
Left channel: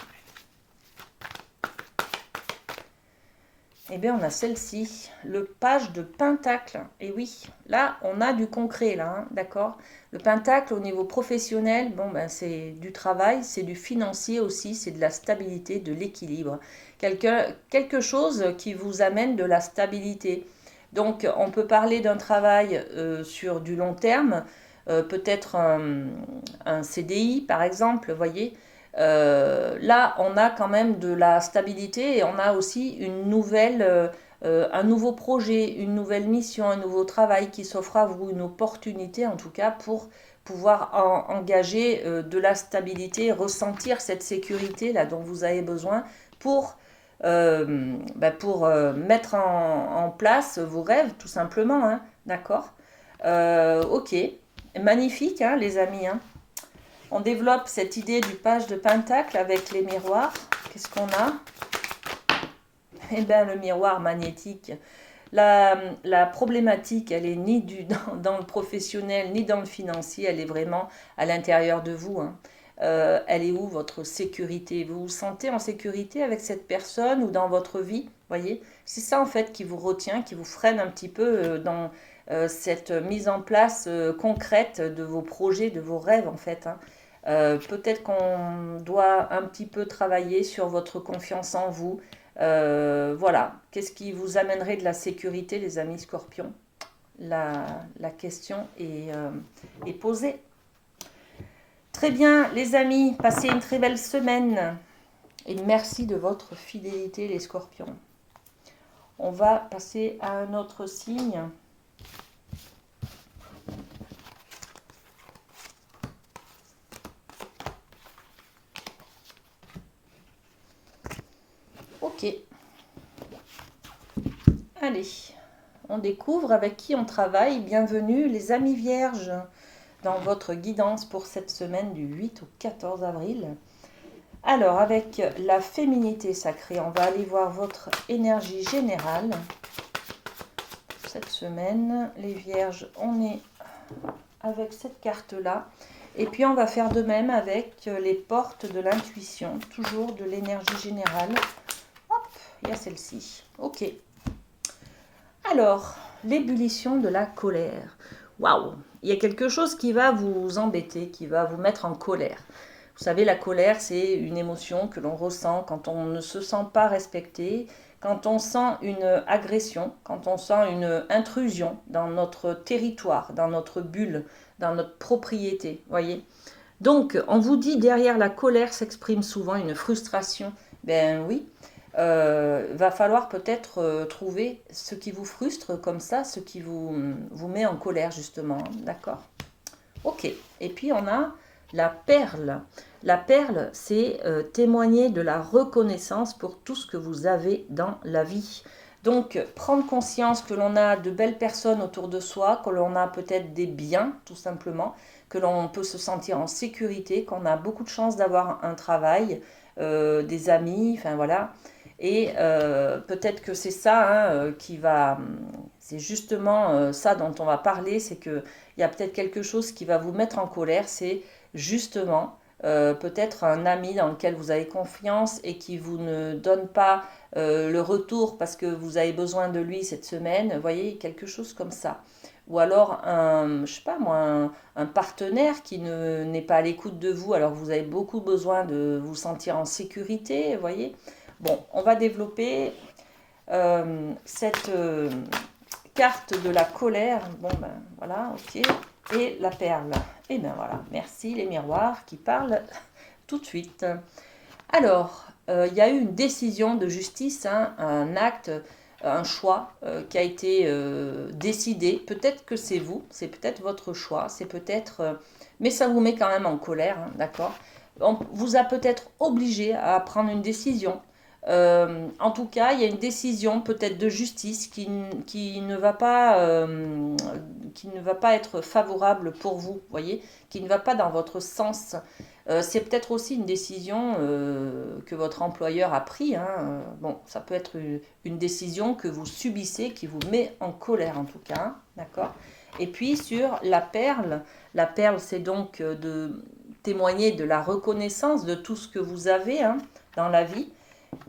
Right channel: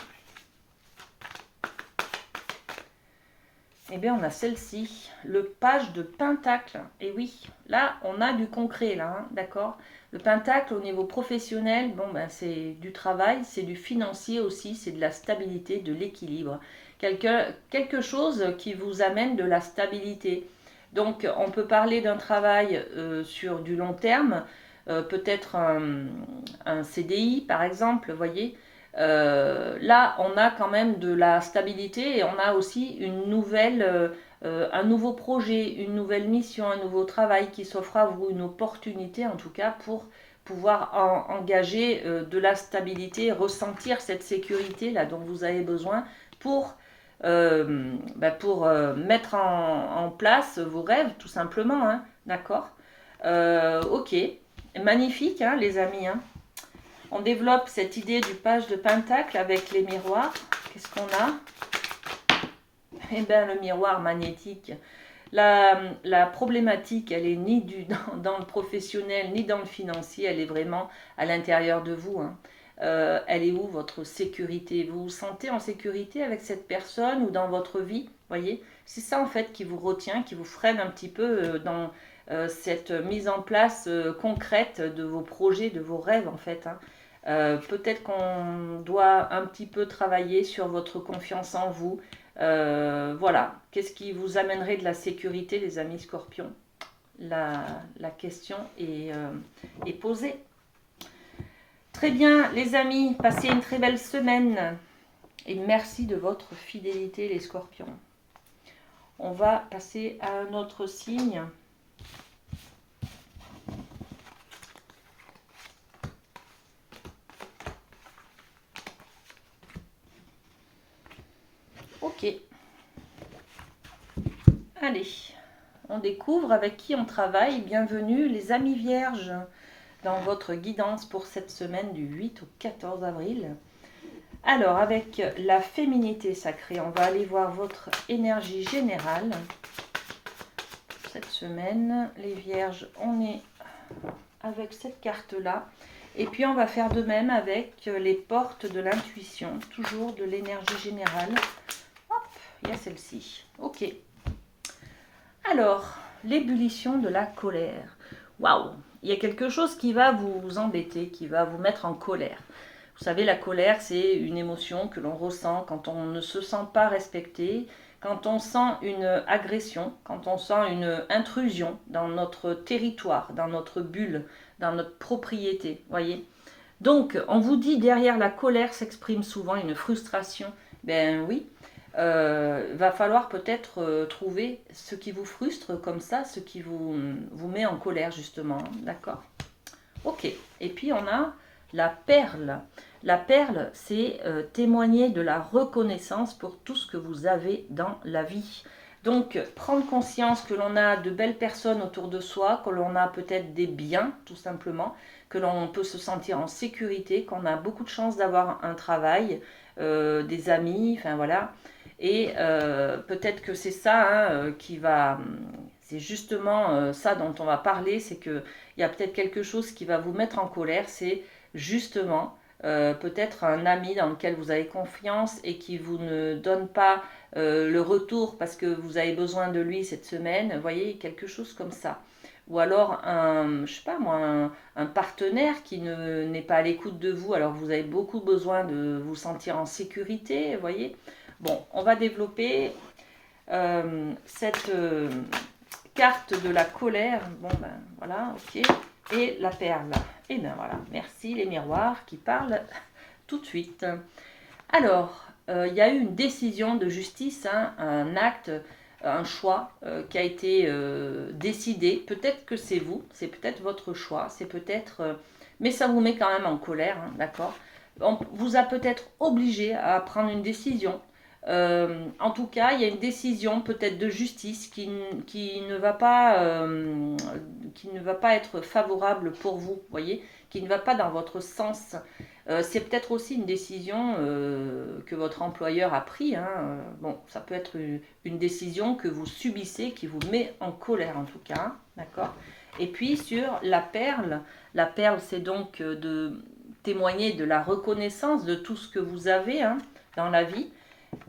Eh bien, on a celle-ci, le page de Pentacle. Et oui, là, on a du concret, là, hein, d'accord? Le Pentacle, au niveau professionnel, bon, ben, c'est du travail, c'est du financier aussi, c'est de la stabilité, de l'équilibre. Quelque chose qui vous amène de la stabilité. Donc, on peut parler d'un travail sur du long terme, peut-être un CDI par exemple, vous voyez. Là, on a quand même de la stabilité et on a aussi un nouveau projet, une nouvelle mission, un nouveau travail qui s'offre à vous, une opportunité en tout cas pour pouvoir engager de la stabilité, ressentir cette sécurité là dont vous avez besoin pour, mettre en place vos rêves tout simplement, hein, d'accord. Ok, magnifique hein, les amis, hein. On développe cette idée du page de Pentacle avec les miroirs. Qu'est-ce qu'on a? Eh bien, le miroir magnétique. La problématique, elle est ni dans le professionnel, ni dans le financier, elle est vraiment à l'intérieur de vous, hein. Elle est où votre sécurité? Vous vous sentez en sécurité avec cette personne ou dans votre vie? Voyez, c'est ça en fait qui vous retient, qui vous freine un petit peu dans cette mise en place concrète de vos projets, de vos rêves en fait, hein. Peut-être qu'on doit un petit peu travailler sur votre confiance en vous. Voilà, qu'est-ce qui vous amènerait de la sécurité, les amis scorpions? la, la question est posée. Très bien, les amis, passez une très belle semaine. Et merci de votre fidélité, les scorpions. On va passer à un autre signe. Ok. Allez, on découvre avec qui on travaille. Bienvenue les amis vierges dans votre guidance pour cette semaine du 8 au 14 avril. Alors, avec la féminité sacrée, on va aller voir votre énergie générale. Cette semaine, les vierges, on est avec cette carte-là. Et puis, on va faire de même avec les portes de l'intuition, toujours de l'énergie générale. Hop, il y a celle-ci. Ok. Alors, l'ébullition de la colère. Waouh! Il y a quelque chose qui va vous embêter, qui va vous mettre en colère. Vous savez, la colère, c'est une émotion que l'on ressent quand on ne se sent pas respecté, quand on sent une agression, quand on sent une intrusion dans notre territoire, dans notre bulle, dans notre propriété, voyez. Donc, on vous dit derrière la colère s'exprime souvent une frustration. Ben oui, va falloir peut-être trouver ce qui vous frustre comme ça, ce qui vous met en colère justement, hein, d'accord? Ok, et puis on a la perle. La perle, c'est témoigner de la reconnaissance pour tout ce que vous avez dans la vie. Donc, prendre conscience que l'on a de belles personnes autour de soi, que l'on a peut-être des biens, tout simplement, que l'on peut se sentir en sécurité, qu'on a beaucoup de chance d'avoir un travail, des amis, enfin voilà. Et peut-être que c'est ça hein, qui va... C'est justement ça dont on va parler, c'est que il y a peut-être quelque chose qui va vous mettre en colère, c'est justement peut-être un ami dans lequel vous avez confiance et qui vous ne donne pas le retour parce que vous avez besoin de lui cette semaine, vous voyez, quelque chose comme ça. Ou alors je sais pas moi, un partenaire qui n'est pas à l'écoute de vous alors que vous avez beaucoup besoin de vous sentir en sécurité, vous voyez. Bon, on va développer cette carte de la colère. Bon ben voilà, ok. Et la perle. Et ben voilà, merci les miroirs qui parlent tout de suite. Alors, il y a eu une décision de justice, hein, un acte, un choix qui a été décidé. Peut-être que c'est vous, c'est peut-être votre choix, c'est peut-être... mais ça vous met quand même en colère, hein, d'accord? On vous a peut-être obligé à prendre une décision. En tout cas, il y a une décision peut-être de justice qui ne va pas être favorable pour vous, voyez, qui ne va pas dans votre sens. C'est peut-être aussi une décision que votre employeur a prise, hein. Bon, ça peut être une décision que vous subissez, qui vous met en colère en tout cas, hein, d'accord? Et puis sur la perle c'est donc de témoigner de la reconnaissance de tout ce que vous avez hein, dans la vie.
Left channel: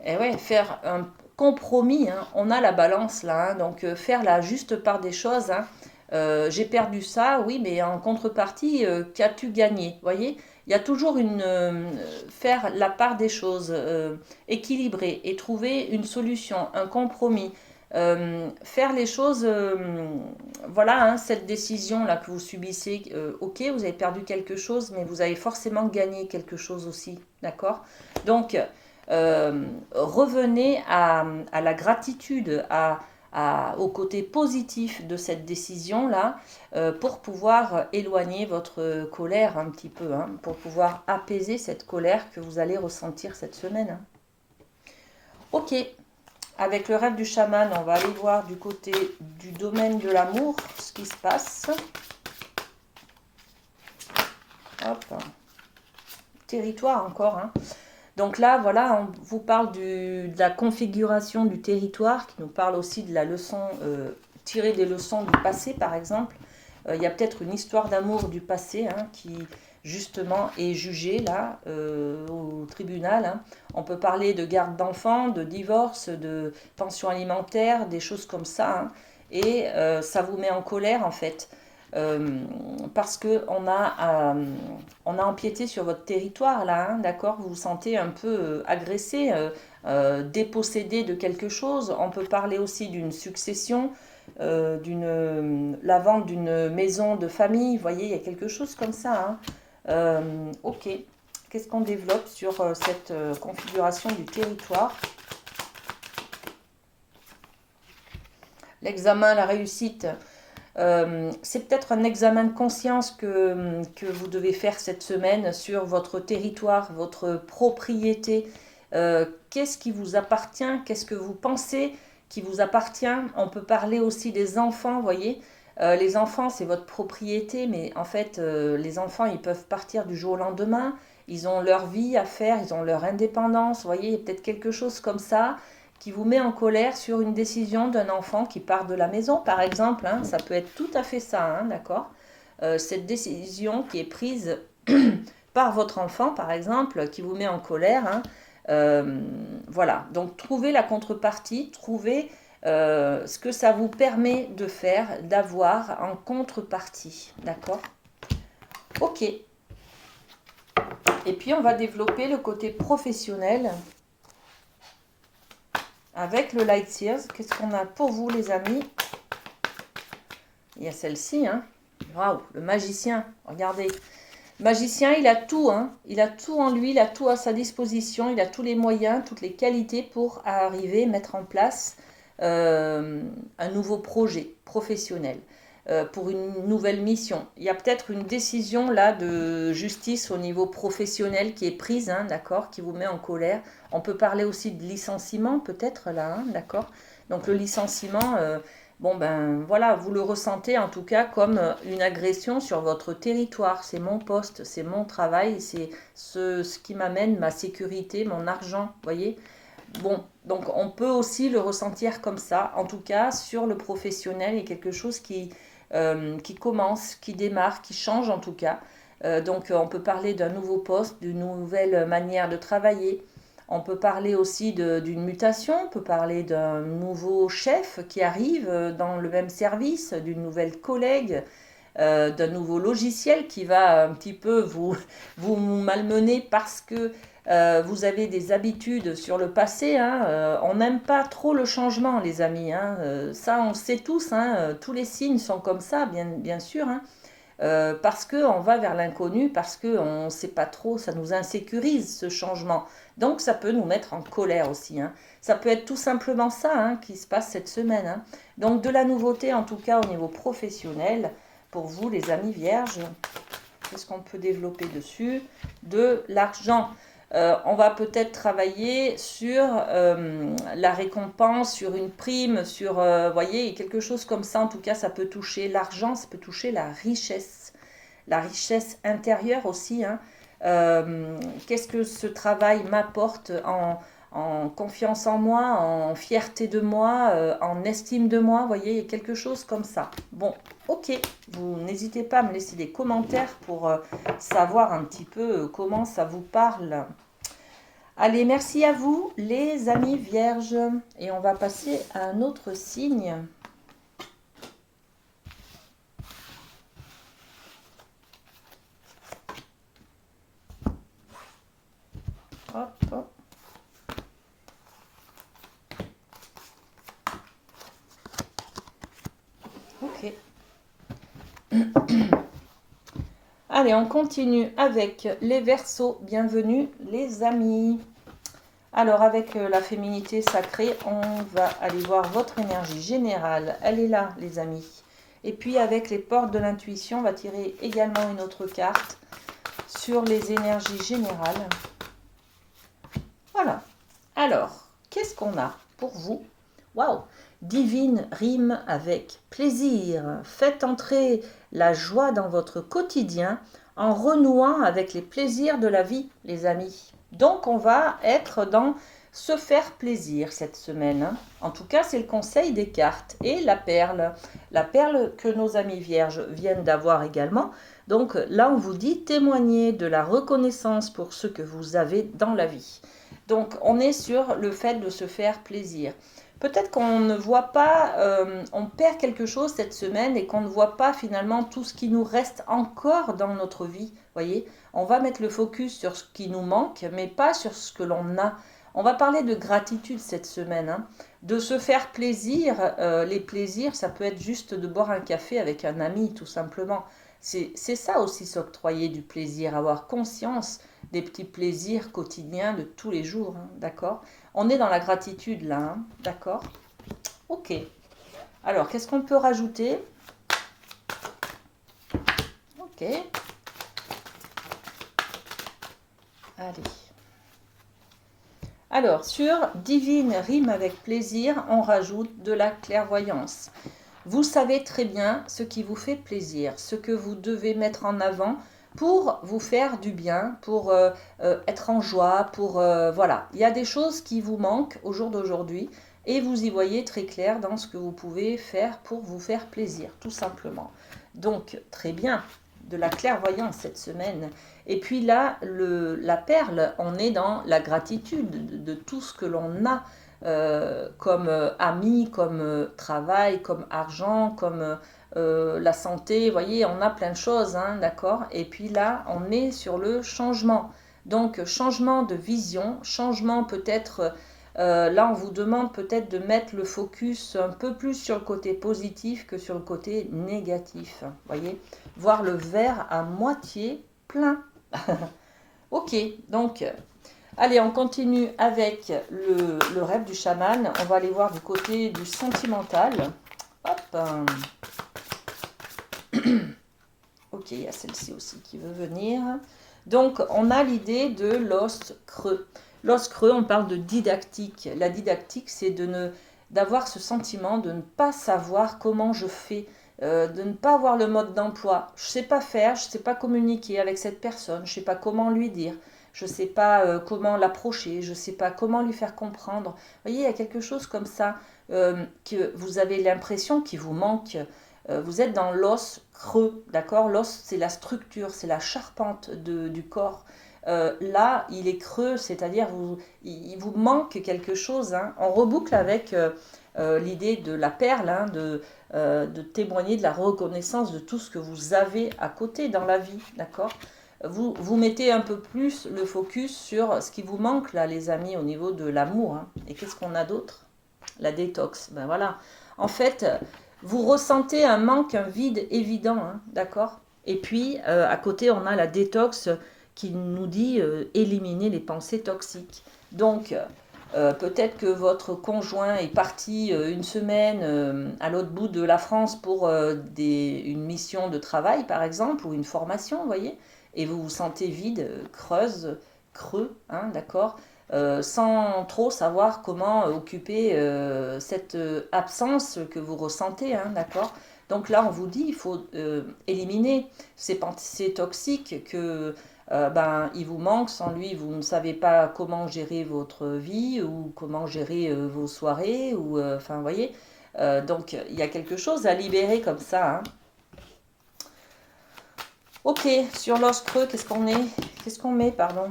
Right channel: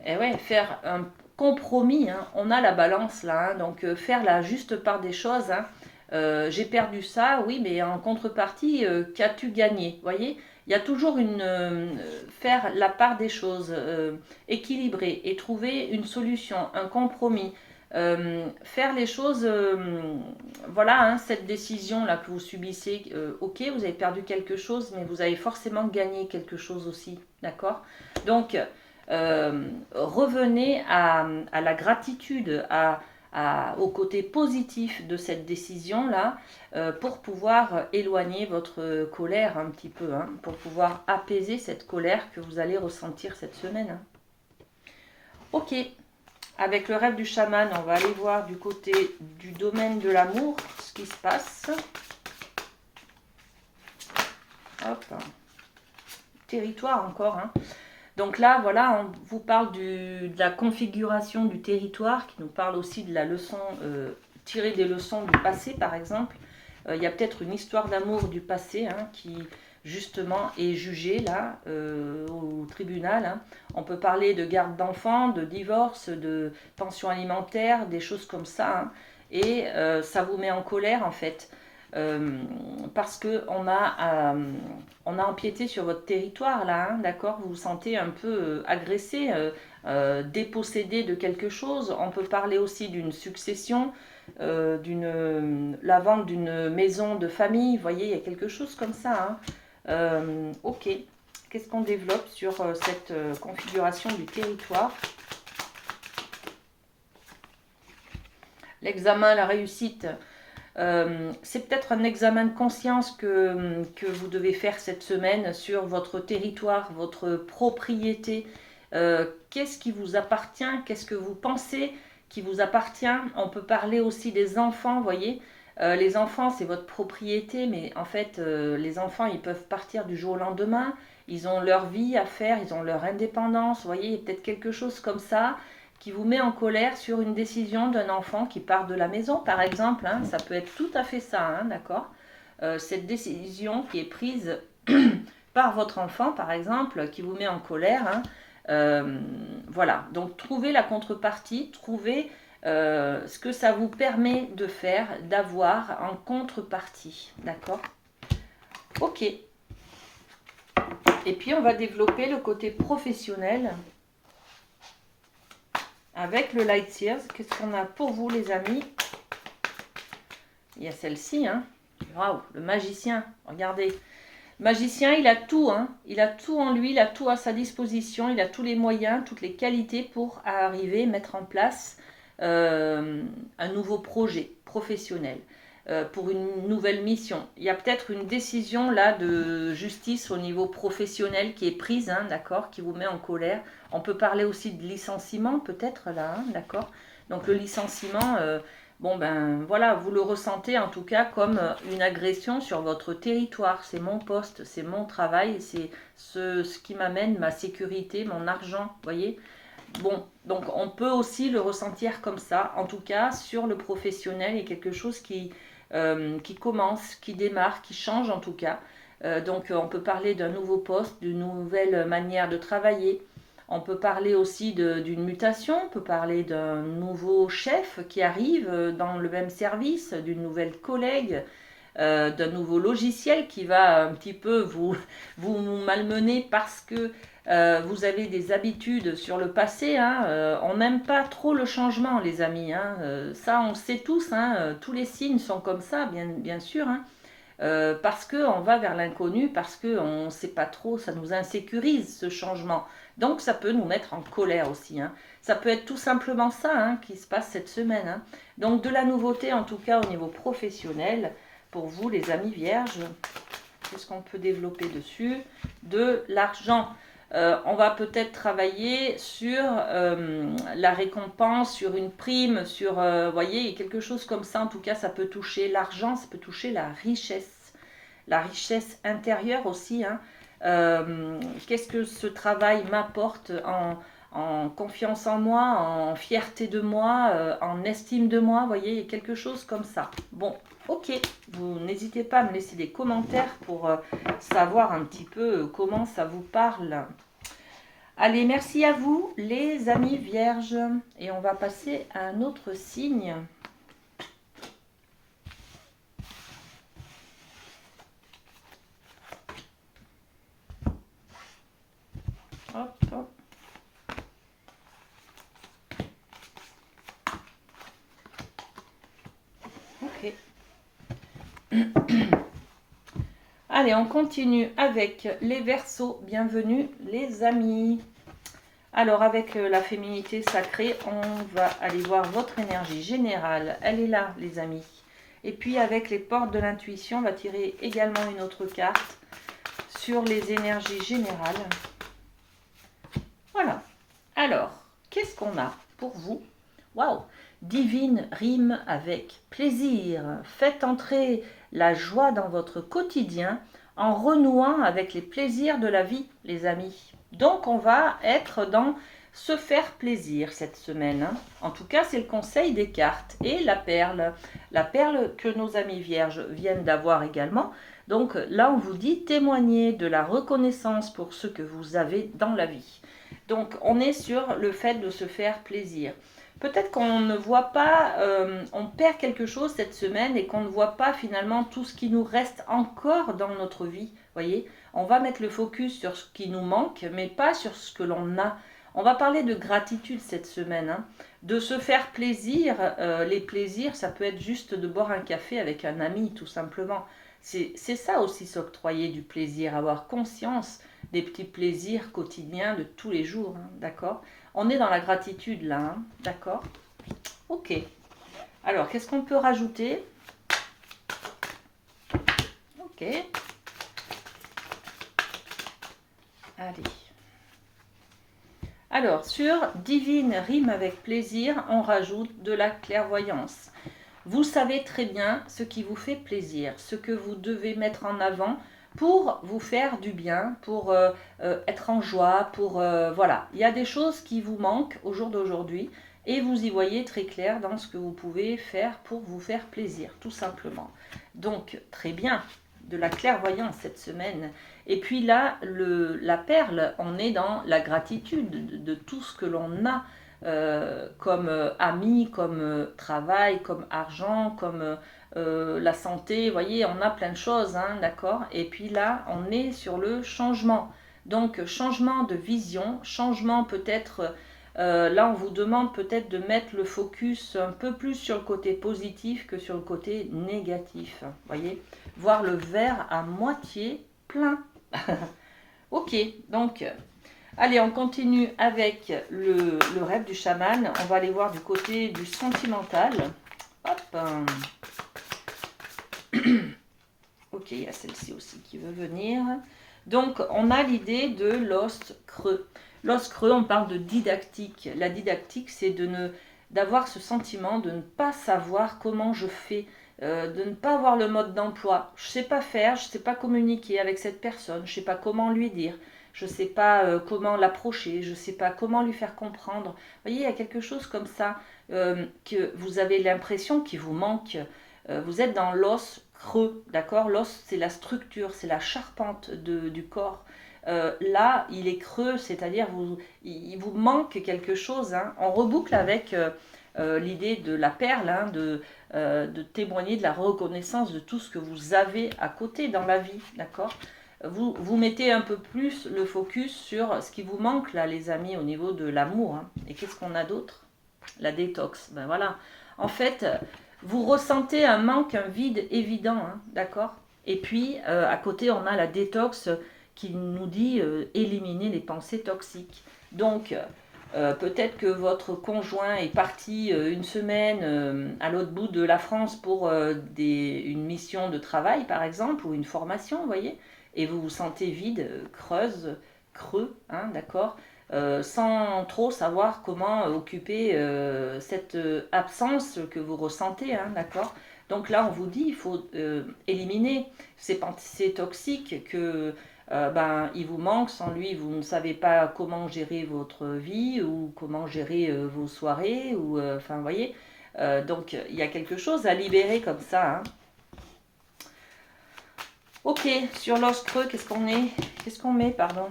Et ouais, faire un compromis, hein. On a la balance là, hein, donc faire la juste part des choses, hein. J'ai perdu ça, oui, mais en contrepartie, qu'as-tu gagné? Vous voyez, il y a toujours faire la part des choses, équilibrer et trouver une solution, un compromis. faire les choses, voilà, hein, cette décision-là que vous subissez, ok, vous avez perdu quelque chose, mais vous avez forcément gagné quelque chose aussi, d'accord? Donc, revenez à la gratitude, au côté positif de cette décision-là, pour pouvoir éloigner votre colère un petit peu, hein, pour pouvoir apaiser cette colère que vous allez ressentir cette semaine, hein. Ok, avec le rêve du chaman, on va aller voir du côté du domaine de l'amour ce qui se passe. Hop, territoire encore, hein. Donc là, voilà, on vous parle de la configuration du territoire, qui nous parle aussi de la leçon, tirer des leçons du passé, par exemple. Il y a peut-être une histoire d'amour du passé, hein, qui, justement, est jugée, là, au tribunal, hein. On peut parler de garde d'enfants, de divorce, de pension alimentaire, des choses comme ça, hein. Et ça vous met en colère, en fait. Euh, Parce que on a empiété sur votre territoire là, hein, d'accord? Vous vous sentez un peu agressé, dépossédé de quelque chose. On peut parler aussi d'une succession, la vente d'une maison de famille. Vous voyez, il y a quelque chose comme ça, hein. Ok. Qu'est-ce qu'on développe sur cette configuration du territoire? L'examen, la réussite. C'est peut-être un examen de conscience que vous devez faire cette semaine sur votre territoire, votre propriété. Qu'est-ce qui vous appartient? Qu'est-ce que vous pensez qui vous appartient? On peut parler aussi des enfants, vous voyez. Les enfants, c'est votre propriété, mais en fait, les enfants, ils peuvent partir du jour au lendemain. Ils ont leur vie à faire, ils ont leur indépendance. Vous voyez, il y a peut-être quelque chose comme ça qui vous met en colère sur une décision d'un enfant qui part de la maison, par exemple, hein. Ça peut être tout à fait ça, hein, d'accord? Cette décision qui est prise par votre enfant, par exemple, qui vous met en colère, hein. Voilà, donc trouvez la contrepartie, trouvez ce que ça vous permet de faire, d'avoir en contrepartie, d'accord? Ok. Et puis on va développer le côté professionnel avec le Light Sears. Qu'est-ce qu'on a pour vous, les amis? Il y a celle-ci, hein. Waouh, le magicien, regardez. Le magicien, il a tout, hein. Il a tout en lui, il a tout à sa disposition, il a tous les moyens, toutes les qualités pour arriver, mettre en place un nouveau projet professionnel, pour une nouvelle mission. Il y a peut-être une décision là de justice au niveau professionnel qui est prise, hein, d'accord, qui vous met en colère. On peut parler aussi de licenciement, peut-être là, hein, d'accord. Donc le licenciement, bon ben voilà, vous le ressentez en tout cas comme une agression sur votre territoire. C'est mon poste, c'est mon travail, c'est ce qui m'amène ma sécurité, mon argent, vous voyez. Bon, donc on peut aussi le ressentir comme ça. En tout cas, sur le professionnel, il y a quelque chose qui commence, qui démarre, qui change en tout cas. Donc on peut parler d'un nouveau poste, d'une nouvelle manière de travailler. On peut parler aussi d'une mutation, on peut parler d'un nouveau chef qui arrive dans le même service, d'une nouvelle collègue, d'un nouveau logiciel qui va un petit peu vous malmener parce que vous avez des habitudes sur le passé, hein. On n'aime pas trop le changement, les amis, hein. Ça, on le sait tous, hein. Tous les signes sont comme ça, bien sûr, hein. Parce qu'on va vers l'inconnu, parce qu'on ne sait pas trop, ça nous insécurise ce changement. Donc ça peut nous mettre en colère aussi, hein. Ça peut être tout simplement ça, hein, qui se passe cette semaine, hein. Donc de la nouveauté, en tout cas au niveau professionnel, pour vous les amis vierges. Qu'est-ce qu'on peut développer dessus? De l'argent. On va peut-être travailler sur la récompense, sur une prime, sur, voyez, quelque chose comme ça. En tout cas, ça peut toucher l'argent, ça peut toucher la richesse intérieure aussi, hein. Qu'est-ce que ce travail m'apporte en confiance en moi, en fierté de moi, en estime de moi, vous voyez, quelque chose comme ça. Bon, ok, vous n'hésitez pas à me laisser des commentaires pour savoir un petit peu comment ça vous parle. Allez, merci à vous, les amis vierges. Et on va passer à un autre signe. Hop. Allez, on continue avec les Verseaux. Bienvenue les amis. Alors avec la féminité sacrée, on va aller voir votre énergie générale. Elle est là les amis. Et puis avec les portes de l'intuition, on va tirer également une autre carte sur les énergies générales. Voilà. Alors, qu'est-ce qu'on a pour vous? Waouh! Divine rime avec plaisir. Faites entrer la joie dans votre quotidien en renouant avec les plaisirs de la vie, les amis. Donc, on va être dans se faire plaisir cette semaine, hein. En tout cas, c'est le conseil des cartes. Et la perle que nos amis vierges viennent d'avoir également. Donc là, on vous dit témoigner de la reconnaissance pour ce que vous avez dans la vie. Donc, on est sur le fait de se faire plaisir. Peut-être qu'on ne voit pas, on perd quelque chose cette semaine et qu'on ne voit pas finalement tout ce qui nous reste encore dans notre vie. Voyez, on va mettre le focus sur ce qui nous manque, mais pas sur ce que l'on a. On va parler de gratitude cette semaine, hein. De se faire plaisir. Les plaisirs, ça peut être juste de boire un café avec un ami, tout simplement. C'est ça aussi s'octroyer du plaisir, avoir conscience des petits plaisirs quotidiens de tous les jours, hein, d'accord? On est dans la gratitude là, hein, d'accord? Ok. Alors, qu'est-ce qu'on peut rajouter? Ok. Allez. Alors, sur divine rime avec plaisir, on rajoute de la clairvoyance. Vous savez très bien ce qui vous fait plaisir, ce que vous devez mettre en avant pour vous faire du bien, pour être en joie, pour voilà. Il y a des choses qui vous manquent au jour d'aujourd'hui et vous y voyez très clair dans ce que vous pouvez faire pour vous faire plaisir, tout simplement. Donc, très bien, de la clairvoyance cette semaine. Et puis là, la perle, on est dans la gratitude de tout ce que l'on a. Comme amis, comme travail, comme argent, comme la santé. Vous voyez, on a plein de choses, hein, d'accord? Et puis là, on est sur le changement. Donc, changement de vision, changement peut-être, là, on vous demande peut-être de mettre le focus un peu plus sur le côté positif que sur le côté négatif. Vous voyez, voir le verre à moitié plein. Ok, donc... Allez, on continue avec le rêve du chaman. On va aller voir du côté du sentimental. Hop. Ok, il y a celle-ci aussi qui veut venir. Donc, on a l'idée de l'os creux. L'os creux, on parle de didactique. La didactique, c'est d'avoir ce sentiment de ne pas savoir comment je fais, de ne pas avoir le mode d'emploi. Je ne sais pas faire, je ne sais pas communiquer avec cette personne, je ne sais pas comment lui dire. Je ne sais pas comment l'approcher, je ne sais pas comment lui faire comprendre. Vous voyez, il y a quelque chose comme ça que vous avez l'impression qu'il vous manque. Vous êtes dans l'os creux, d'accord? L'os, c'est la structure, c'est la charpente du corps. Là, il est creux, c'est-à-dire il vous manque quelque chose, hein. On reboucle avec l'idée de la perle, hein, de témoigner de la reconnaissance de tout ce que vous avez à côté dans la vie, d'accord? Vous mettez un peu plus le focus sur ce qui vous manque là, les amis, au niveau de l'amour, hein. Et qu'est-ce qu'on a d'autre? La détox. Ben voilà. En fait, vous ressentez un manque, un vide évident, hein, d'accord? Et puis, à côté, on a la détox qui nous dit éliminer les pensées toxiques. Donc, peut-être que votre conjoint est parti une semaine à l'autre bout de la France pour une mission de travail, par exemple, ou une formation, vous voyez, et vous vous sentez vide, creuse, creux, hein, d'accord, sans trop savoir comment occuper cette absence que vous ressentez, hein, d'accord. Donc là, on vous dit, il faut éliminer ces pensées toxiques que il vous manque, sans lui, vous ne savez pas comment gérer votre vie ou comment gérer vos soirées, ou enfin, vous voyez. Donc, il y a quelque chose à libérer comme ça, hein. Ok, sur l'os creux, qu'est-ce qu'on met, pardon?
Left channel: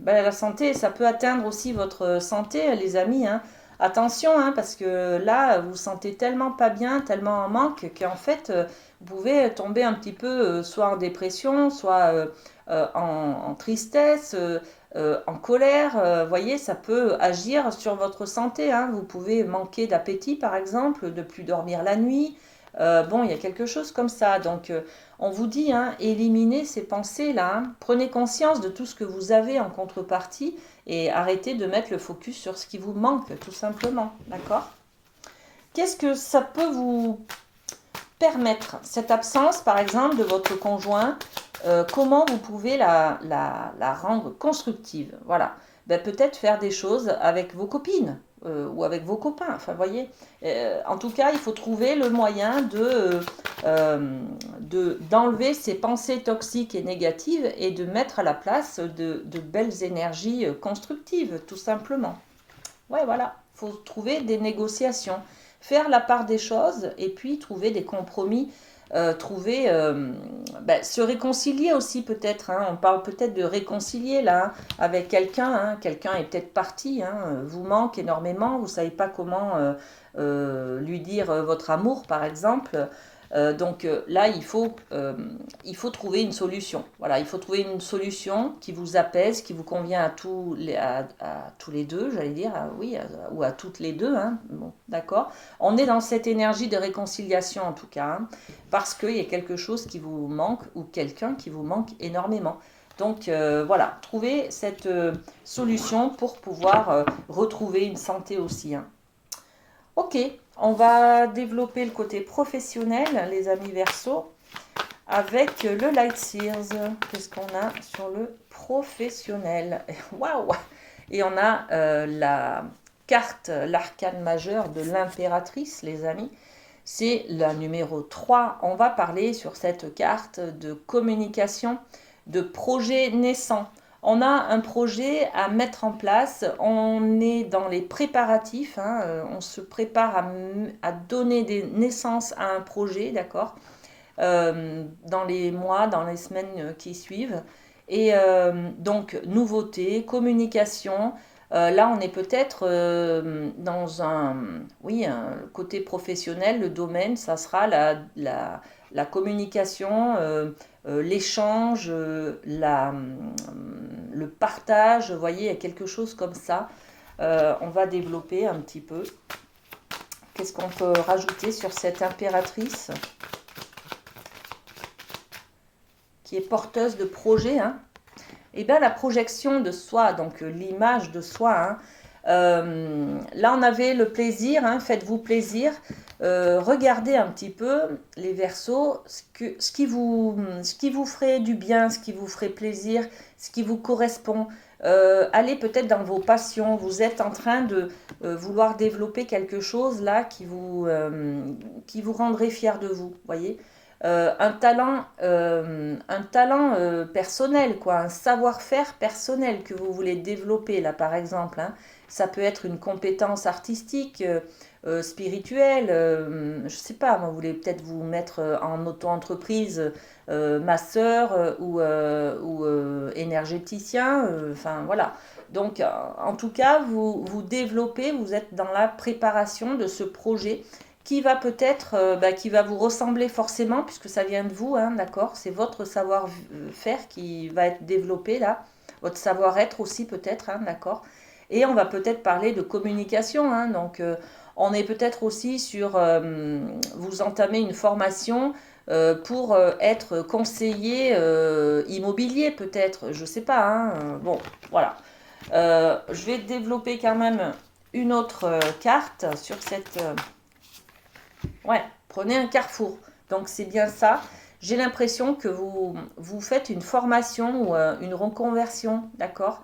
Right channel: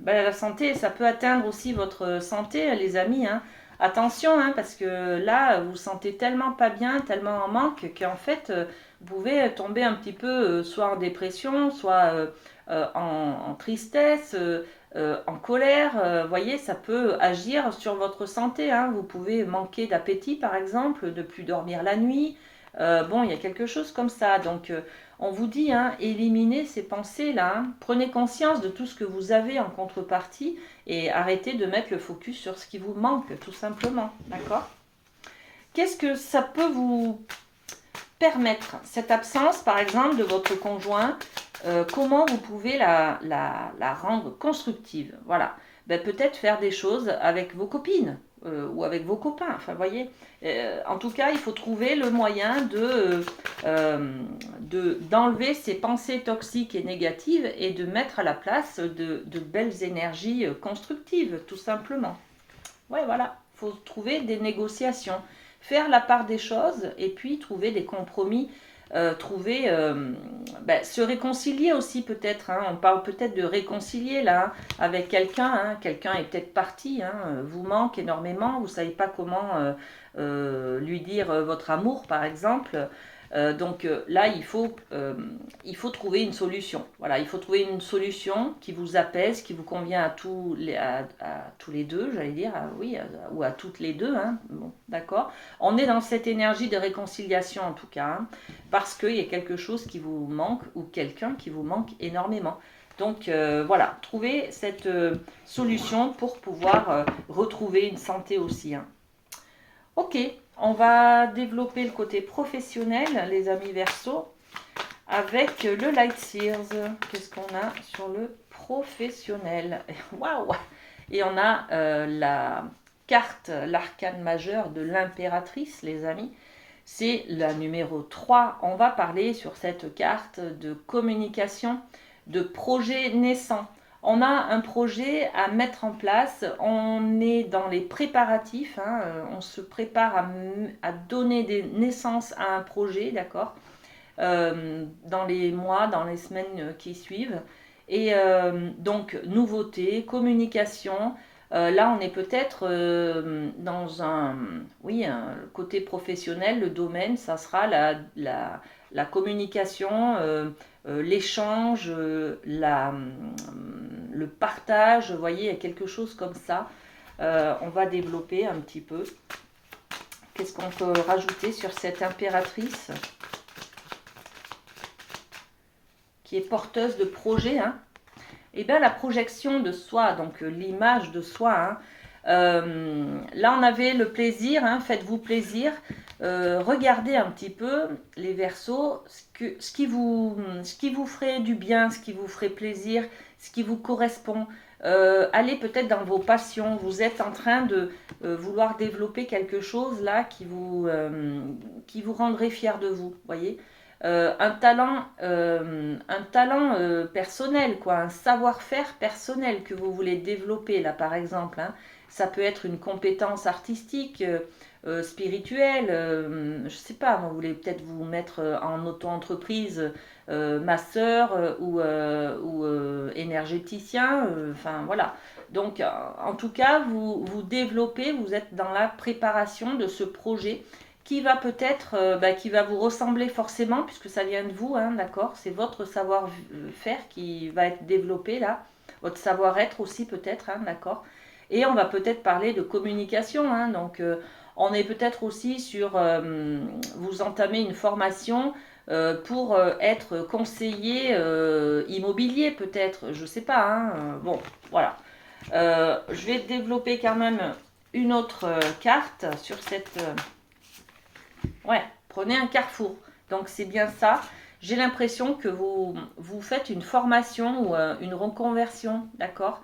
Ben, la santé, ça peut atteindre aussi votre santé, les amis, hein. Attention, hein, parce que là, vous vous sentez tellement pas bien, tellement en manque, qu'en fait, vous pouvez tomber un petit peu soit en dépression, soit en tristesse, en colère. Voyez, ça peut agir sur votre santé, hein. Vous pouvez manquer d'appétit, par exemple, de plus dormir la nuit. Bon, il y a quelque chose comme ça. Donc, on vous dit, hein, éliminez ces pensées-là. Hein. Prenez conscience de tout ce que vous avez en contrepartie et arrêtez de mettre le focus sur ce qui vous manque, tout simplement. D'accord? Qu'est-ce que ça peut vous permettre, cette absence, par exemple, de votre conjoint, comment vous pouvez la rendre constructive? Voilà. Ben, peut-être faire des choses avec vos copines ou avec vos copains. Enfin, vous voyez, en tout cas, il faut trouver le moyen d'enlever ces pensées toxiques et négatives et de mettre à la place de belles énergies constructives, tout simplement. Ouais, voilà. Il faut trouver des négociations, faire la part des choses et puis trouver des compromis, se réconcilier aussi peut-être. Hein. On parle peut-être de réconcilier là avec quelqu'un. Hein. Quelqu'un est peut-être parti, hein, vous manque énormément, vous ne savez pas comment lui dire votre amour par exemple. Là, il faut trouver une solution. Voilà, il faut trouver une solution qui vous apaise, qui vous convient à tous les deux, j'allais dire, oui, ou à toutes les deux. Hein. Bon, d'accord. On est dans cette énergie de réconciliation en tout cas, hein, parce qu'il y a quelque chose qui vous manque ou quelqu'un qui vous manque énormément. Donc voilà, trouver cette solution pour pouvoir retrouver une santé aussi. Hein. Ok, on va développer le côté professionnel, les amis Verseau, avec le Light Sears. Qu'est-ce qu'on a sur le professionnel? Waouh! Et on a la carte, l'arcane majeur de l'impératrice, les amis. C'est la numéro 3. On va parler sur cette carte de communication, de projet naissant. On a un projet à mettre en place, on est dans les préparatifs, hein, on se prépare à donner des naissances à un projet, d'accord, dans les mois, dans les semaines qui suivent. Et donc, nouveauté, communication. Là, on est peut-être dans un côté professionnel, le domaine, ça sera la communication, l'échange, le partage, vous voyez, il y a quelque chose comme ça. On va développer un petit peu. Qu'est-ce qu'on peut rajouter sur cette impératrice qui est porteuse de projet, hein? Et bien la projection de soi, donc l'image de soi, hein. Là on avait le plaisir, hein, faites-vous plaisir, regardez un petit peu les Verseaux, ce qui vous ferait du bien, ce qui vous ferait plaisir, ce qui vous correspond. Allez peut-être dans vos passions, vous êtes en train de vouloir développer quelque chose là qui vous rendrait fier de vous, voyez. Un talent personnel, quoi, un savoir-faire personnel que vous voulez développer, là, par exemple. Hein. Ça peut être une compétence artistique, spirituelle, je ne sais pas, vous voulez peut-être vous mettre en auto-entreprise, masseur ou énergéticien, enfin voilà. Donc, en tout cas, vous développez, vous êtes dans la préparation de ce projet qui va peut-être, qui va vous ressembler forcément, puisque ça vient de vous, hein, d'accord? C'est votre savoir-faire qui va être développé là, votre savoir-être aussi peut-être, hein, d'accord? Et on va peut-être parler de communication, hein, donc on est peut-être aussi sur, vous entamez une formation pour être conseiller immobilier peut-être, je ne sais pas, hein, bon, voilà. Je vais développer quand même une autre carte sur cette... Ouais, prenez un carrefour. Donc c'est bien ça. J'ai l'impression que vous faites une formation ou une reconversion, d'accord,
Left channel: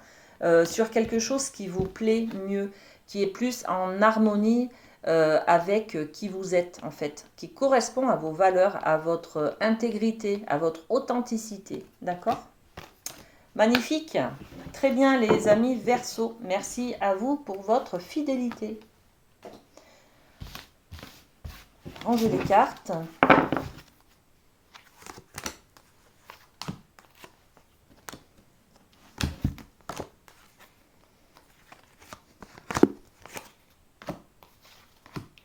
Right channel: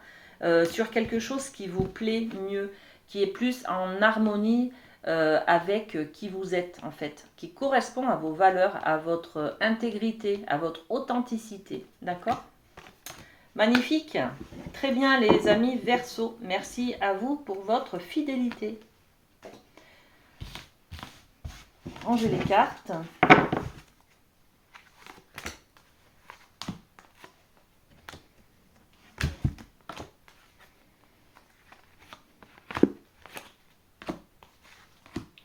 sur quelque chose qui vous plaît mieux, qui est plus en harmonie avec qui vous êtes en fait, qui correspond à vos valeurs, à votre intégrité, à votre authenticité, d'accord? Magnifique. Très bien les amis Verseau. Merci à vous pour votre fidélité. Rangez les cartes.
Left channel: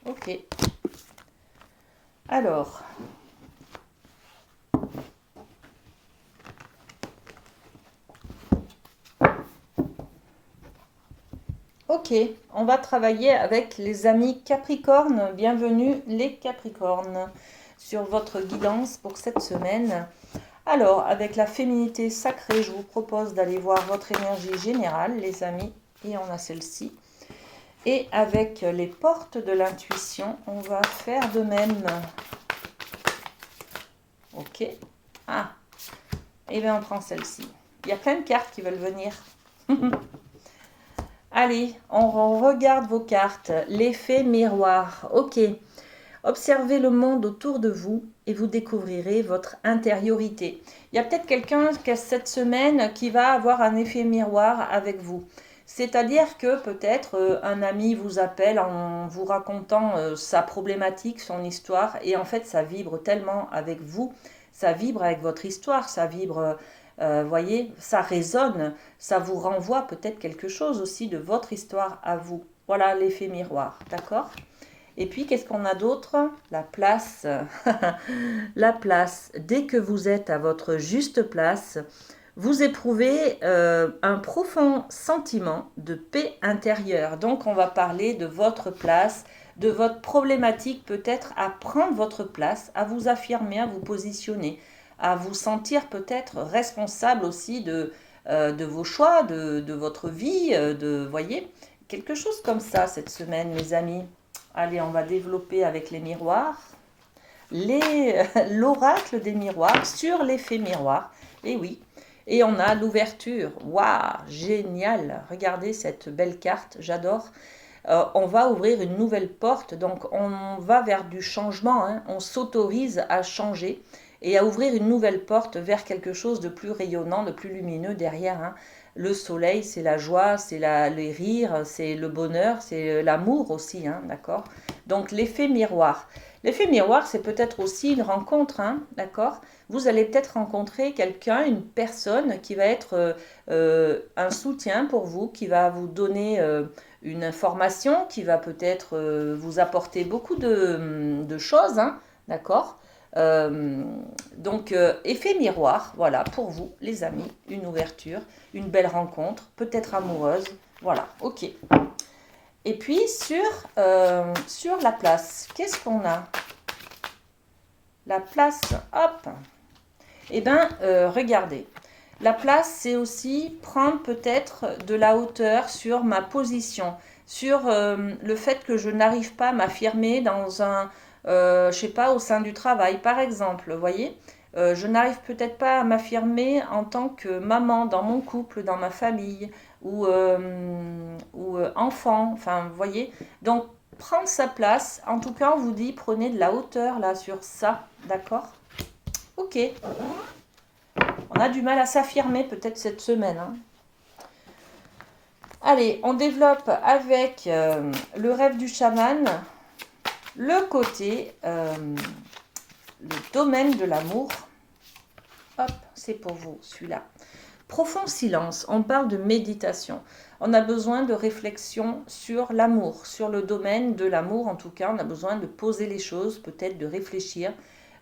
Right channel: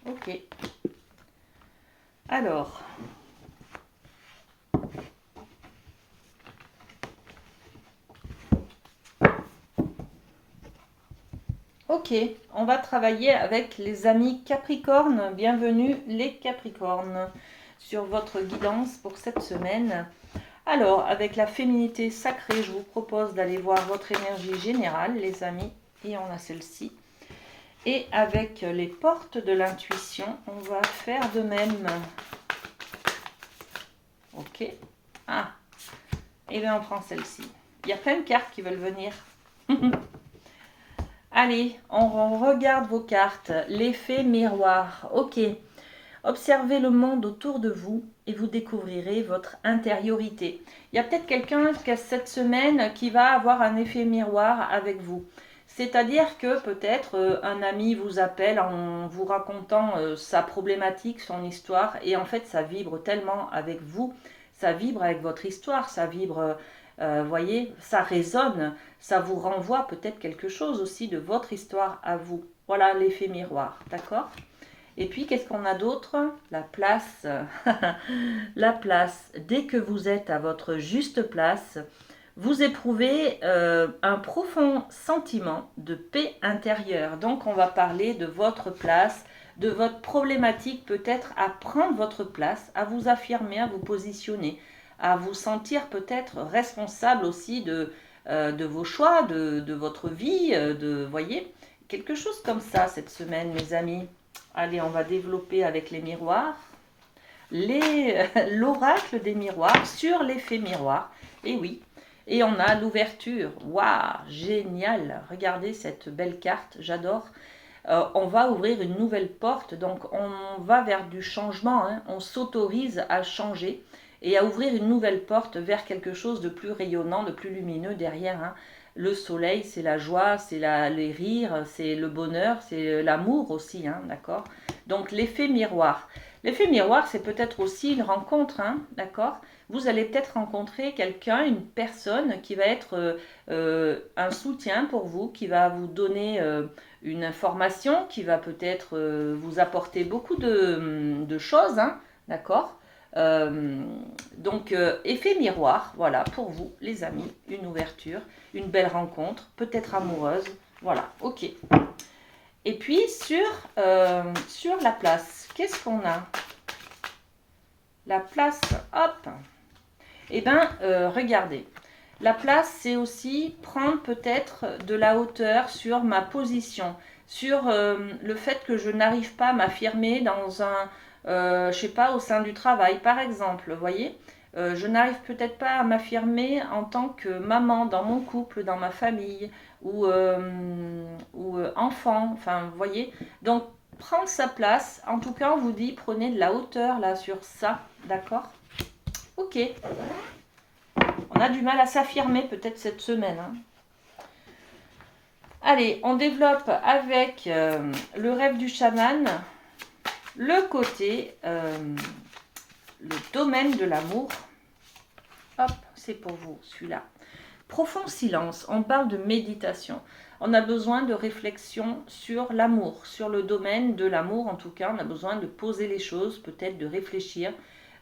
Ok. Alors. Ok, on va travailler avec les amis Capricorne. Bienvenue les Capricornes. sur votre guidance pour cette semaine. Alors, avec la féminité sacrée, je vous propose d'aller voir votre énergie générale, les amis, et on a celle-ci. Et avec les portes de l'intuition, on va faire de même. Ok. Ah, et bien on prend celle-ci. Il y a plein de cartes qui veulent venir. Allez, on regarde vos cartes. L'effet miroir. Ok. Observez le monde autour de vous et vous découvrirez votre intériorité. Il y a peut-être quelqu'un qui cette semaine qui va avoir un effet miroir avec vous. C'est-à-dire que peut-être un ami vous appelle en vous racontant sa problématique, son histoire, et en fait ça vibre tellement avec vous, ça vibre avec votre histoire, ça vibre, voyez, ça résonne, ça vous renvoie peut-être quelque chose aussi de votre histoire à vous. Voilà l'effet miroir, d'accord? Et puis, qu'est-ce qu'on a d'autre? La place. La place. Dès que vous êtes à votre juste place, vous éprouvez un profond sentiment de paix intérieure. Donc, on va parler de votre place, de votre problématique peut-être à prendre votre place, à vous affirmer, à vous positionner, à vous sentir peut-être responsable aussi de vos choix, de votre vie, voyez, quelque chose comme ça cette semaine, mes amis. Allez, on va développer avec les miroirs. L'oracle des miroirs sur l'effet miroir. Et oui. Et on a l'ouverture. Waouh, génial. Regardez cette belle carte, j'adore. On va ouvrir une nouvelle porte. Donc, on va vers du changement. Hein. On s'autorise à changer et à ouvrir une nouvelle porte vers quelque chose de plus rayonnant, de plus lumineux derrière. Hein. Le soleil, c'est la joie, c'est les rires, c'est le bonheur, c'est l'amour aussi, hein, d'accord? Donc l'effet miroir. L'effet miroir, c'est peut-être aussi une rencontre, hein, d'accord? Vous allez peut-être rencontrer quelqu'un, une personne qui va être un soutien pour vous, qui va vous donner une information, qui va peut-être vous apporter beaucoup de choses, hein, d'accord? Euh, donc, effet miroir, voilà, pour vous, les amis, une ouverture, une belle rencontre, peut-être amoureuse, voilà, ok. Et puis, sur la place, qu'est-ce qu'on a? La place, hop, eh bien, regardez, la place, c'est aussi prendre peut-être de la hauteur sur ma position, sur le fait que je n'arrive pas à m'affirmer dans un, je sais pas, au sein du travail, par exemple, vous voyez. Je n'arrive peut-être pas à m'affirmer en tant que maman dans mon couple, dans ma famille, ou enfant, enfin, vous voyez. Donc, prendre sa place, en tout cas, on vous dit, prenez de la hauteur là sur ça, d'accord? Ok. On a du mal à s'affirmer peut-être cette semaine. Hein. Allez, on développe avec le rêve du chaman le côté, le domaine de l'amour. Hop, c'est pour vous celui-là. Profond silence, on parle de méditation. On a besoin de réflexion sur l'amour, sur le domaine de l'amour en tout cas. On a besoin de poser les choses, peut-être de réfléchir,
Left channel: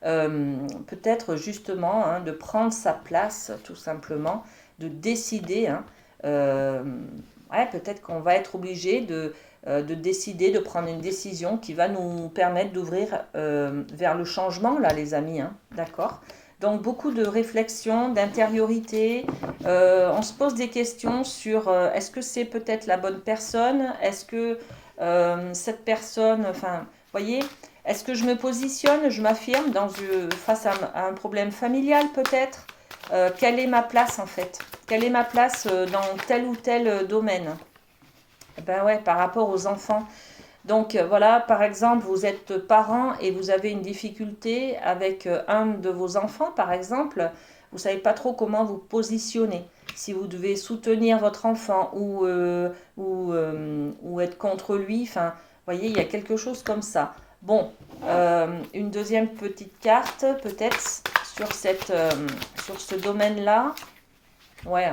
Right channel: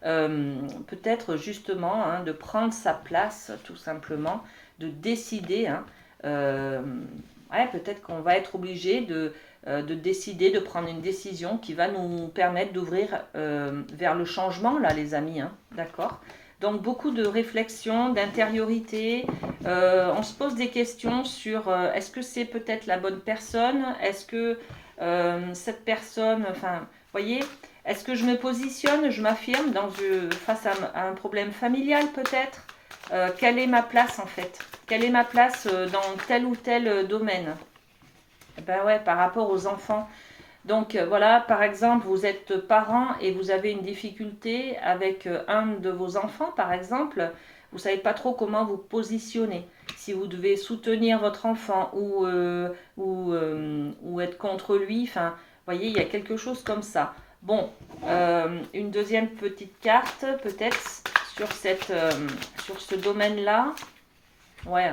peut-être justement hein, de prendre sa place tout simplement, de décider. Hein, ouais, peut-être qu'on va être obligé de décider, de prendre une décision qui va nous permettre d'ouvrir vers le changement là les amis, hein, d'accord? Donc beaucoup de réflexion, d'intériorité. On se pose des questions sur est-ce que c'est peut-être la bonne personne? Est-ce que cette personne, enfin, vous voyez, est-ce que je me positionne, je m'affirme face à un problème familial peut-être? Quelle est ma place en fait? Quelle est ma place dans tel ou tel domaine? Ben ouais, par rapport aux enfants. Donc voilà, par exemple, vous êtes parent et vous avez une difficulté avec un de vos enfants, par exemple, vous ne savez pas trop comment vous positionner. Si vous devez soutenir votre enfant ou être contre lui, enfin, vous voyez, il y a quelque chose comme ça. Bon, une deuxième petite carte, peut-être, sur ce domaine-là. Ouais,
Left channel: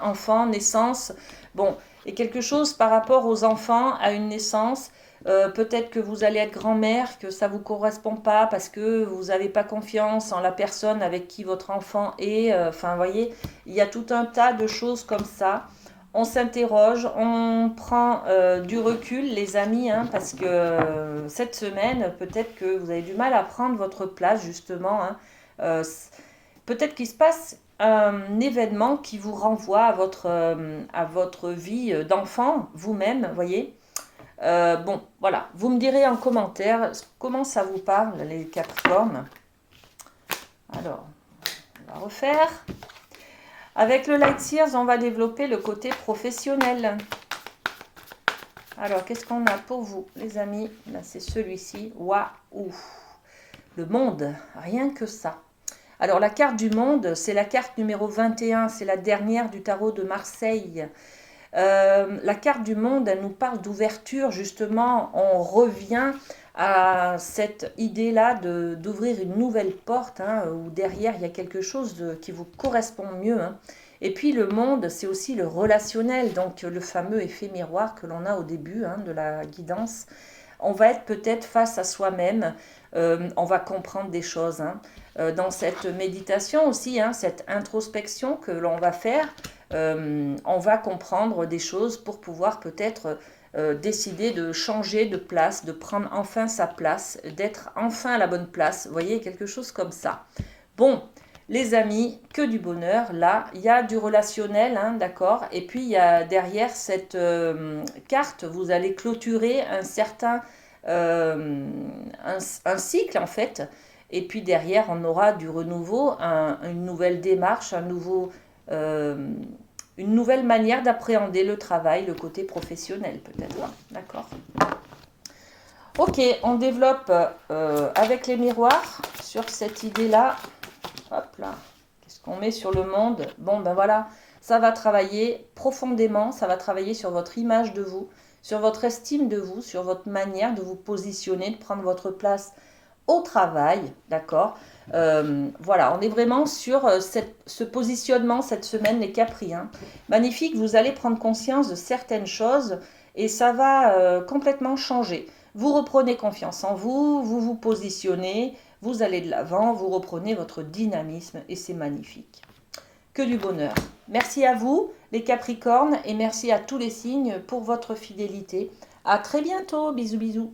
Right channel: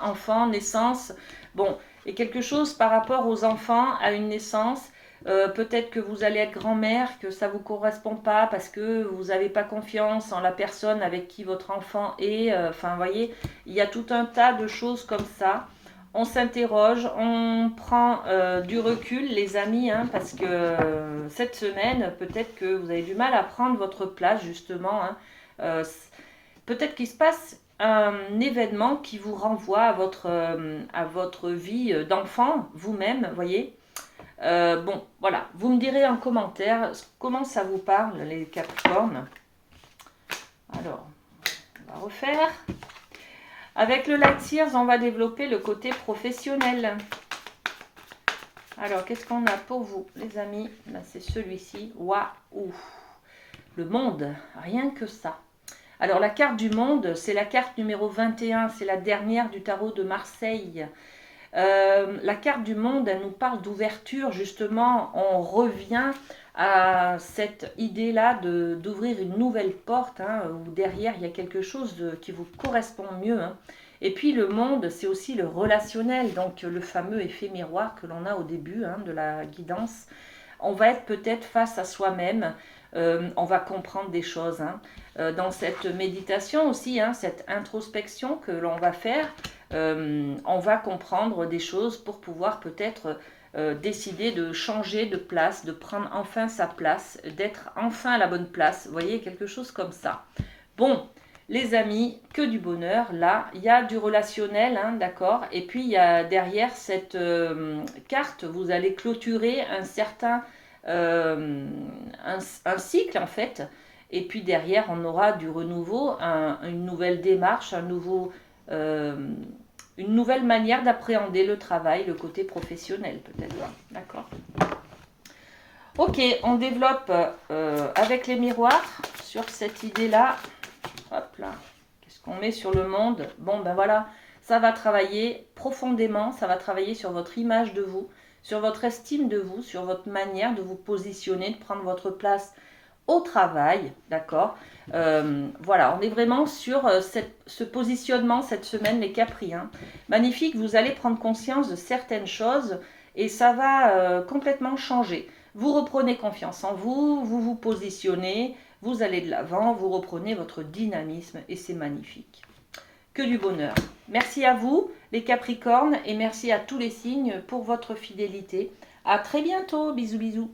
enfant, naissance. Bon, et quelque chose par rapport aux enfants, à une naissance. Peut-être que vous allez être grand-mère, que ça ne vous correspond pas parce que vous n'avez pas confiance en la personne avec qui votre enfant est. Enfin, vous voyez, il y a tout un tas de choses comme ça. On s'interroge, on prend du recul, les amis, hein, parce que cette semaine, peut-être que vous avez du mal à prendre votre place, justement. Hein. Peut-être qu'il se passe un événement qui vous renvoie à votre vie d'enfant, vous-même, voyez. Bon, voilà, vous me direz en commentaire comment ça vous parle, les Capricornes. Alors, on va refaire. Avec le Light Seers, on va développer le côté professionnel. Alors, qu'est-ce qu'on a pour vous, les amis? Là, c'est celui-ci. Waouh! Le monde, rien que ça. Alors, la carte du monde, c'est la carte numéro 21. C'est la dernière du tarot de Marseille. La carte du monde, elle nous parle d'ouverture, justement. On revient à cette idée-là d'ouvrir une nouvelle porte, hein, où derrière, il y a quelque chose qui vous correspond mieux. Hein. Et puis, le monde, c'est aussi le relationnel, donc le fameux effet miroir que l'on a au début, hein, de la guidance. On va être peut-être face à soi-même, on va comprendre des choses. Hein. Dans cette méditation aussi, hein, cette introspection que l'on va faire, on va comprendre des choses pour pouvoir peut-être décider de changer de place, de prendre enfin sa place, d'être enfin à la bonne place. Vous voyez, quelque chose comme ça. Bon, les amis, que du bonheur. Là, il y a du relationnel, hein, d'accord. Et puis, il y a derrière cette carte, vous allez clôturer un certain un cycle, en fait. Et puis derrière, on aura du renouveau, une nouvelle démarche, une nouvelle manière d'appréhender le travail, le côté professionnel peut-être. Hein. D'accord. Ok, on développe avec les miroirs sur cette idée-là. Hop là, qu'est-ce qu'on met sur le monde? Bon, ben voilà, ça va travailler profondément, ça va travailler sur votre image de vous, sur votre estime de vous, sur votre manière de vous positionner, de prendre votre place au travail, d'accord. Voilà, on est vraiment sur ce positionnement cette semaine, les Capri. Hein. Magnifique, vous allez prendre conscience de certaines choses et ça va complètement changer. Vous reprenez confiance en vous, vous vous positionnez, vous allez de l'avant, vous reprenez votre dynamisme et c'est magnifique. Que du bonheur. Merci à vous, les Capricornes, et merci à tous les signes pour votre fidélité. À très bientôt, bisous bisous.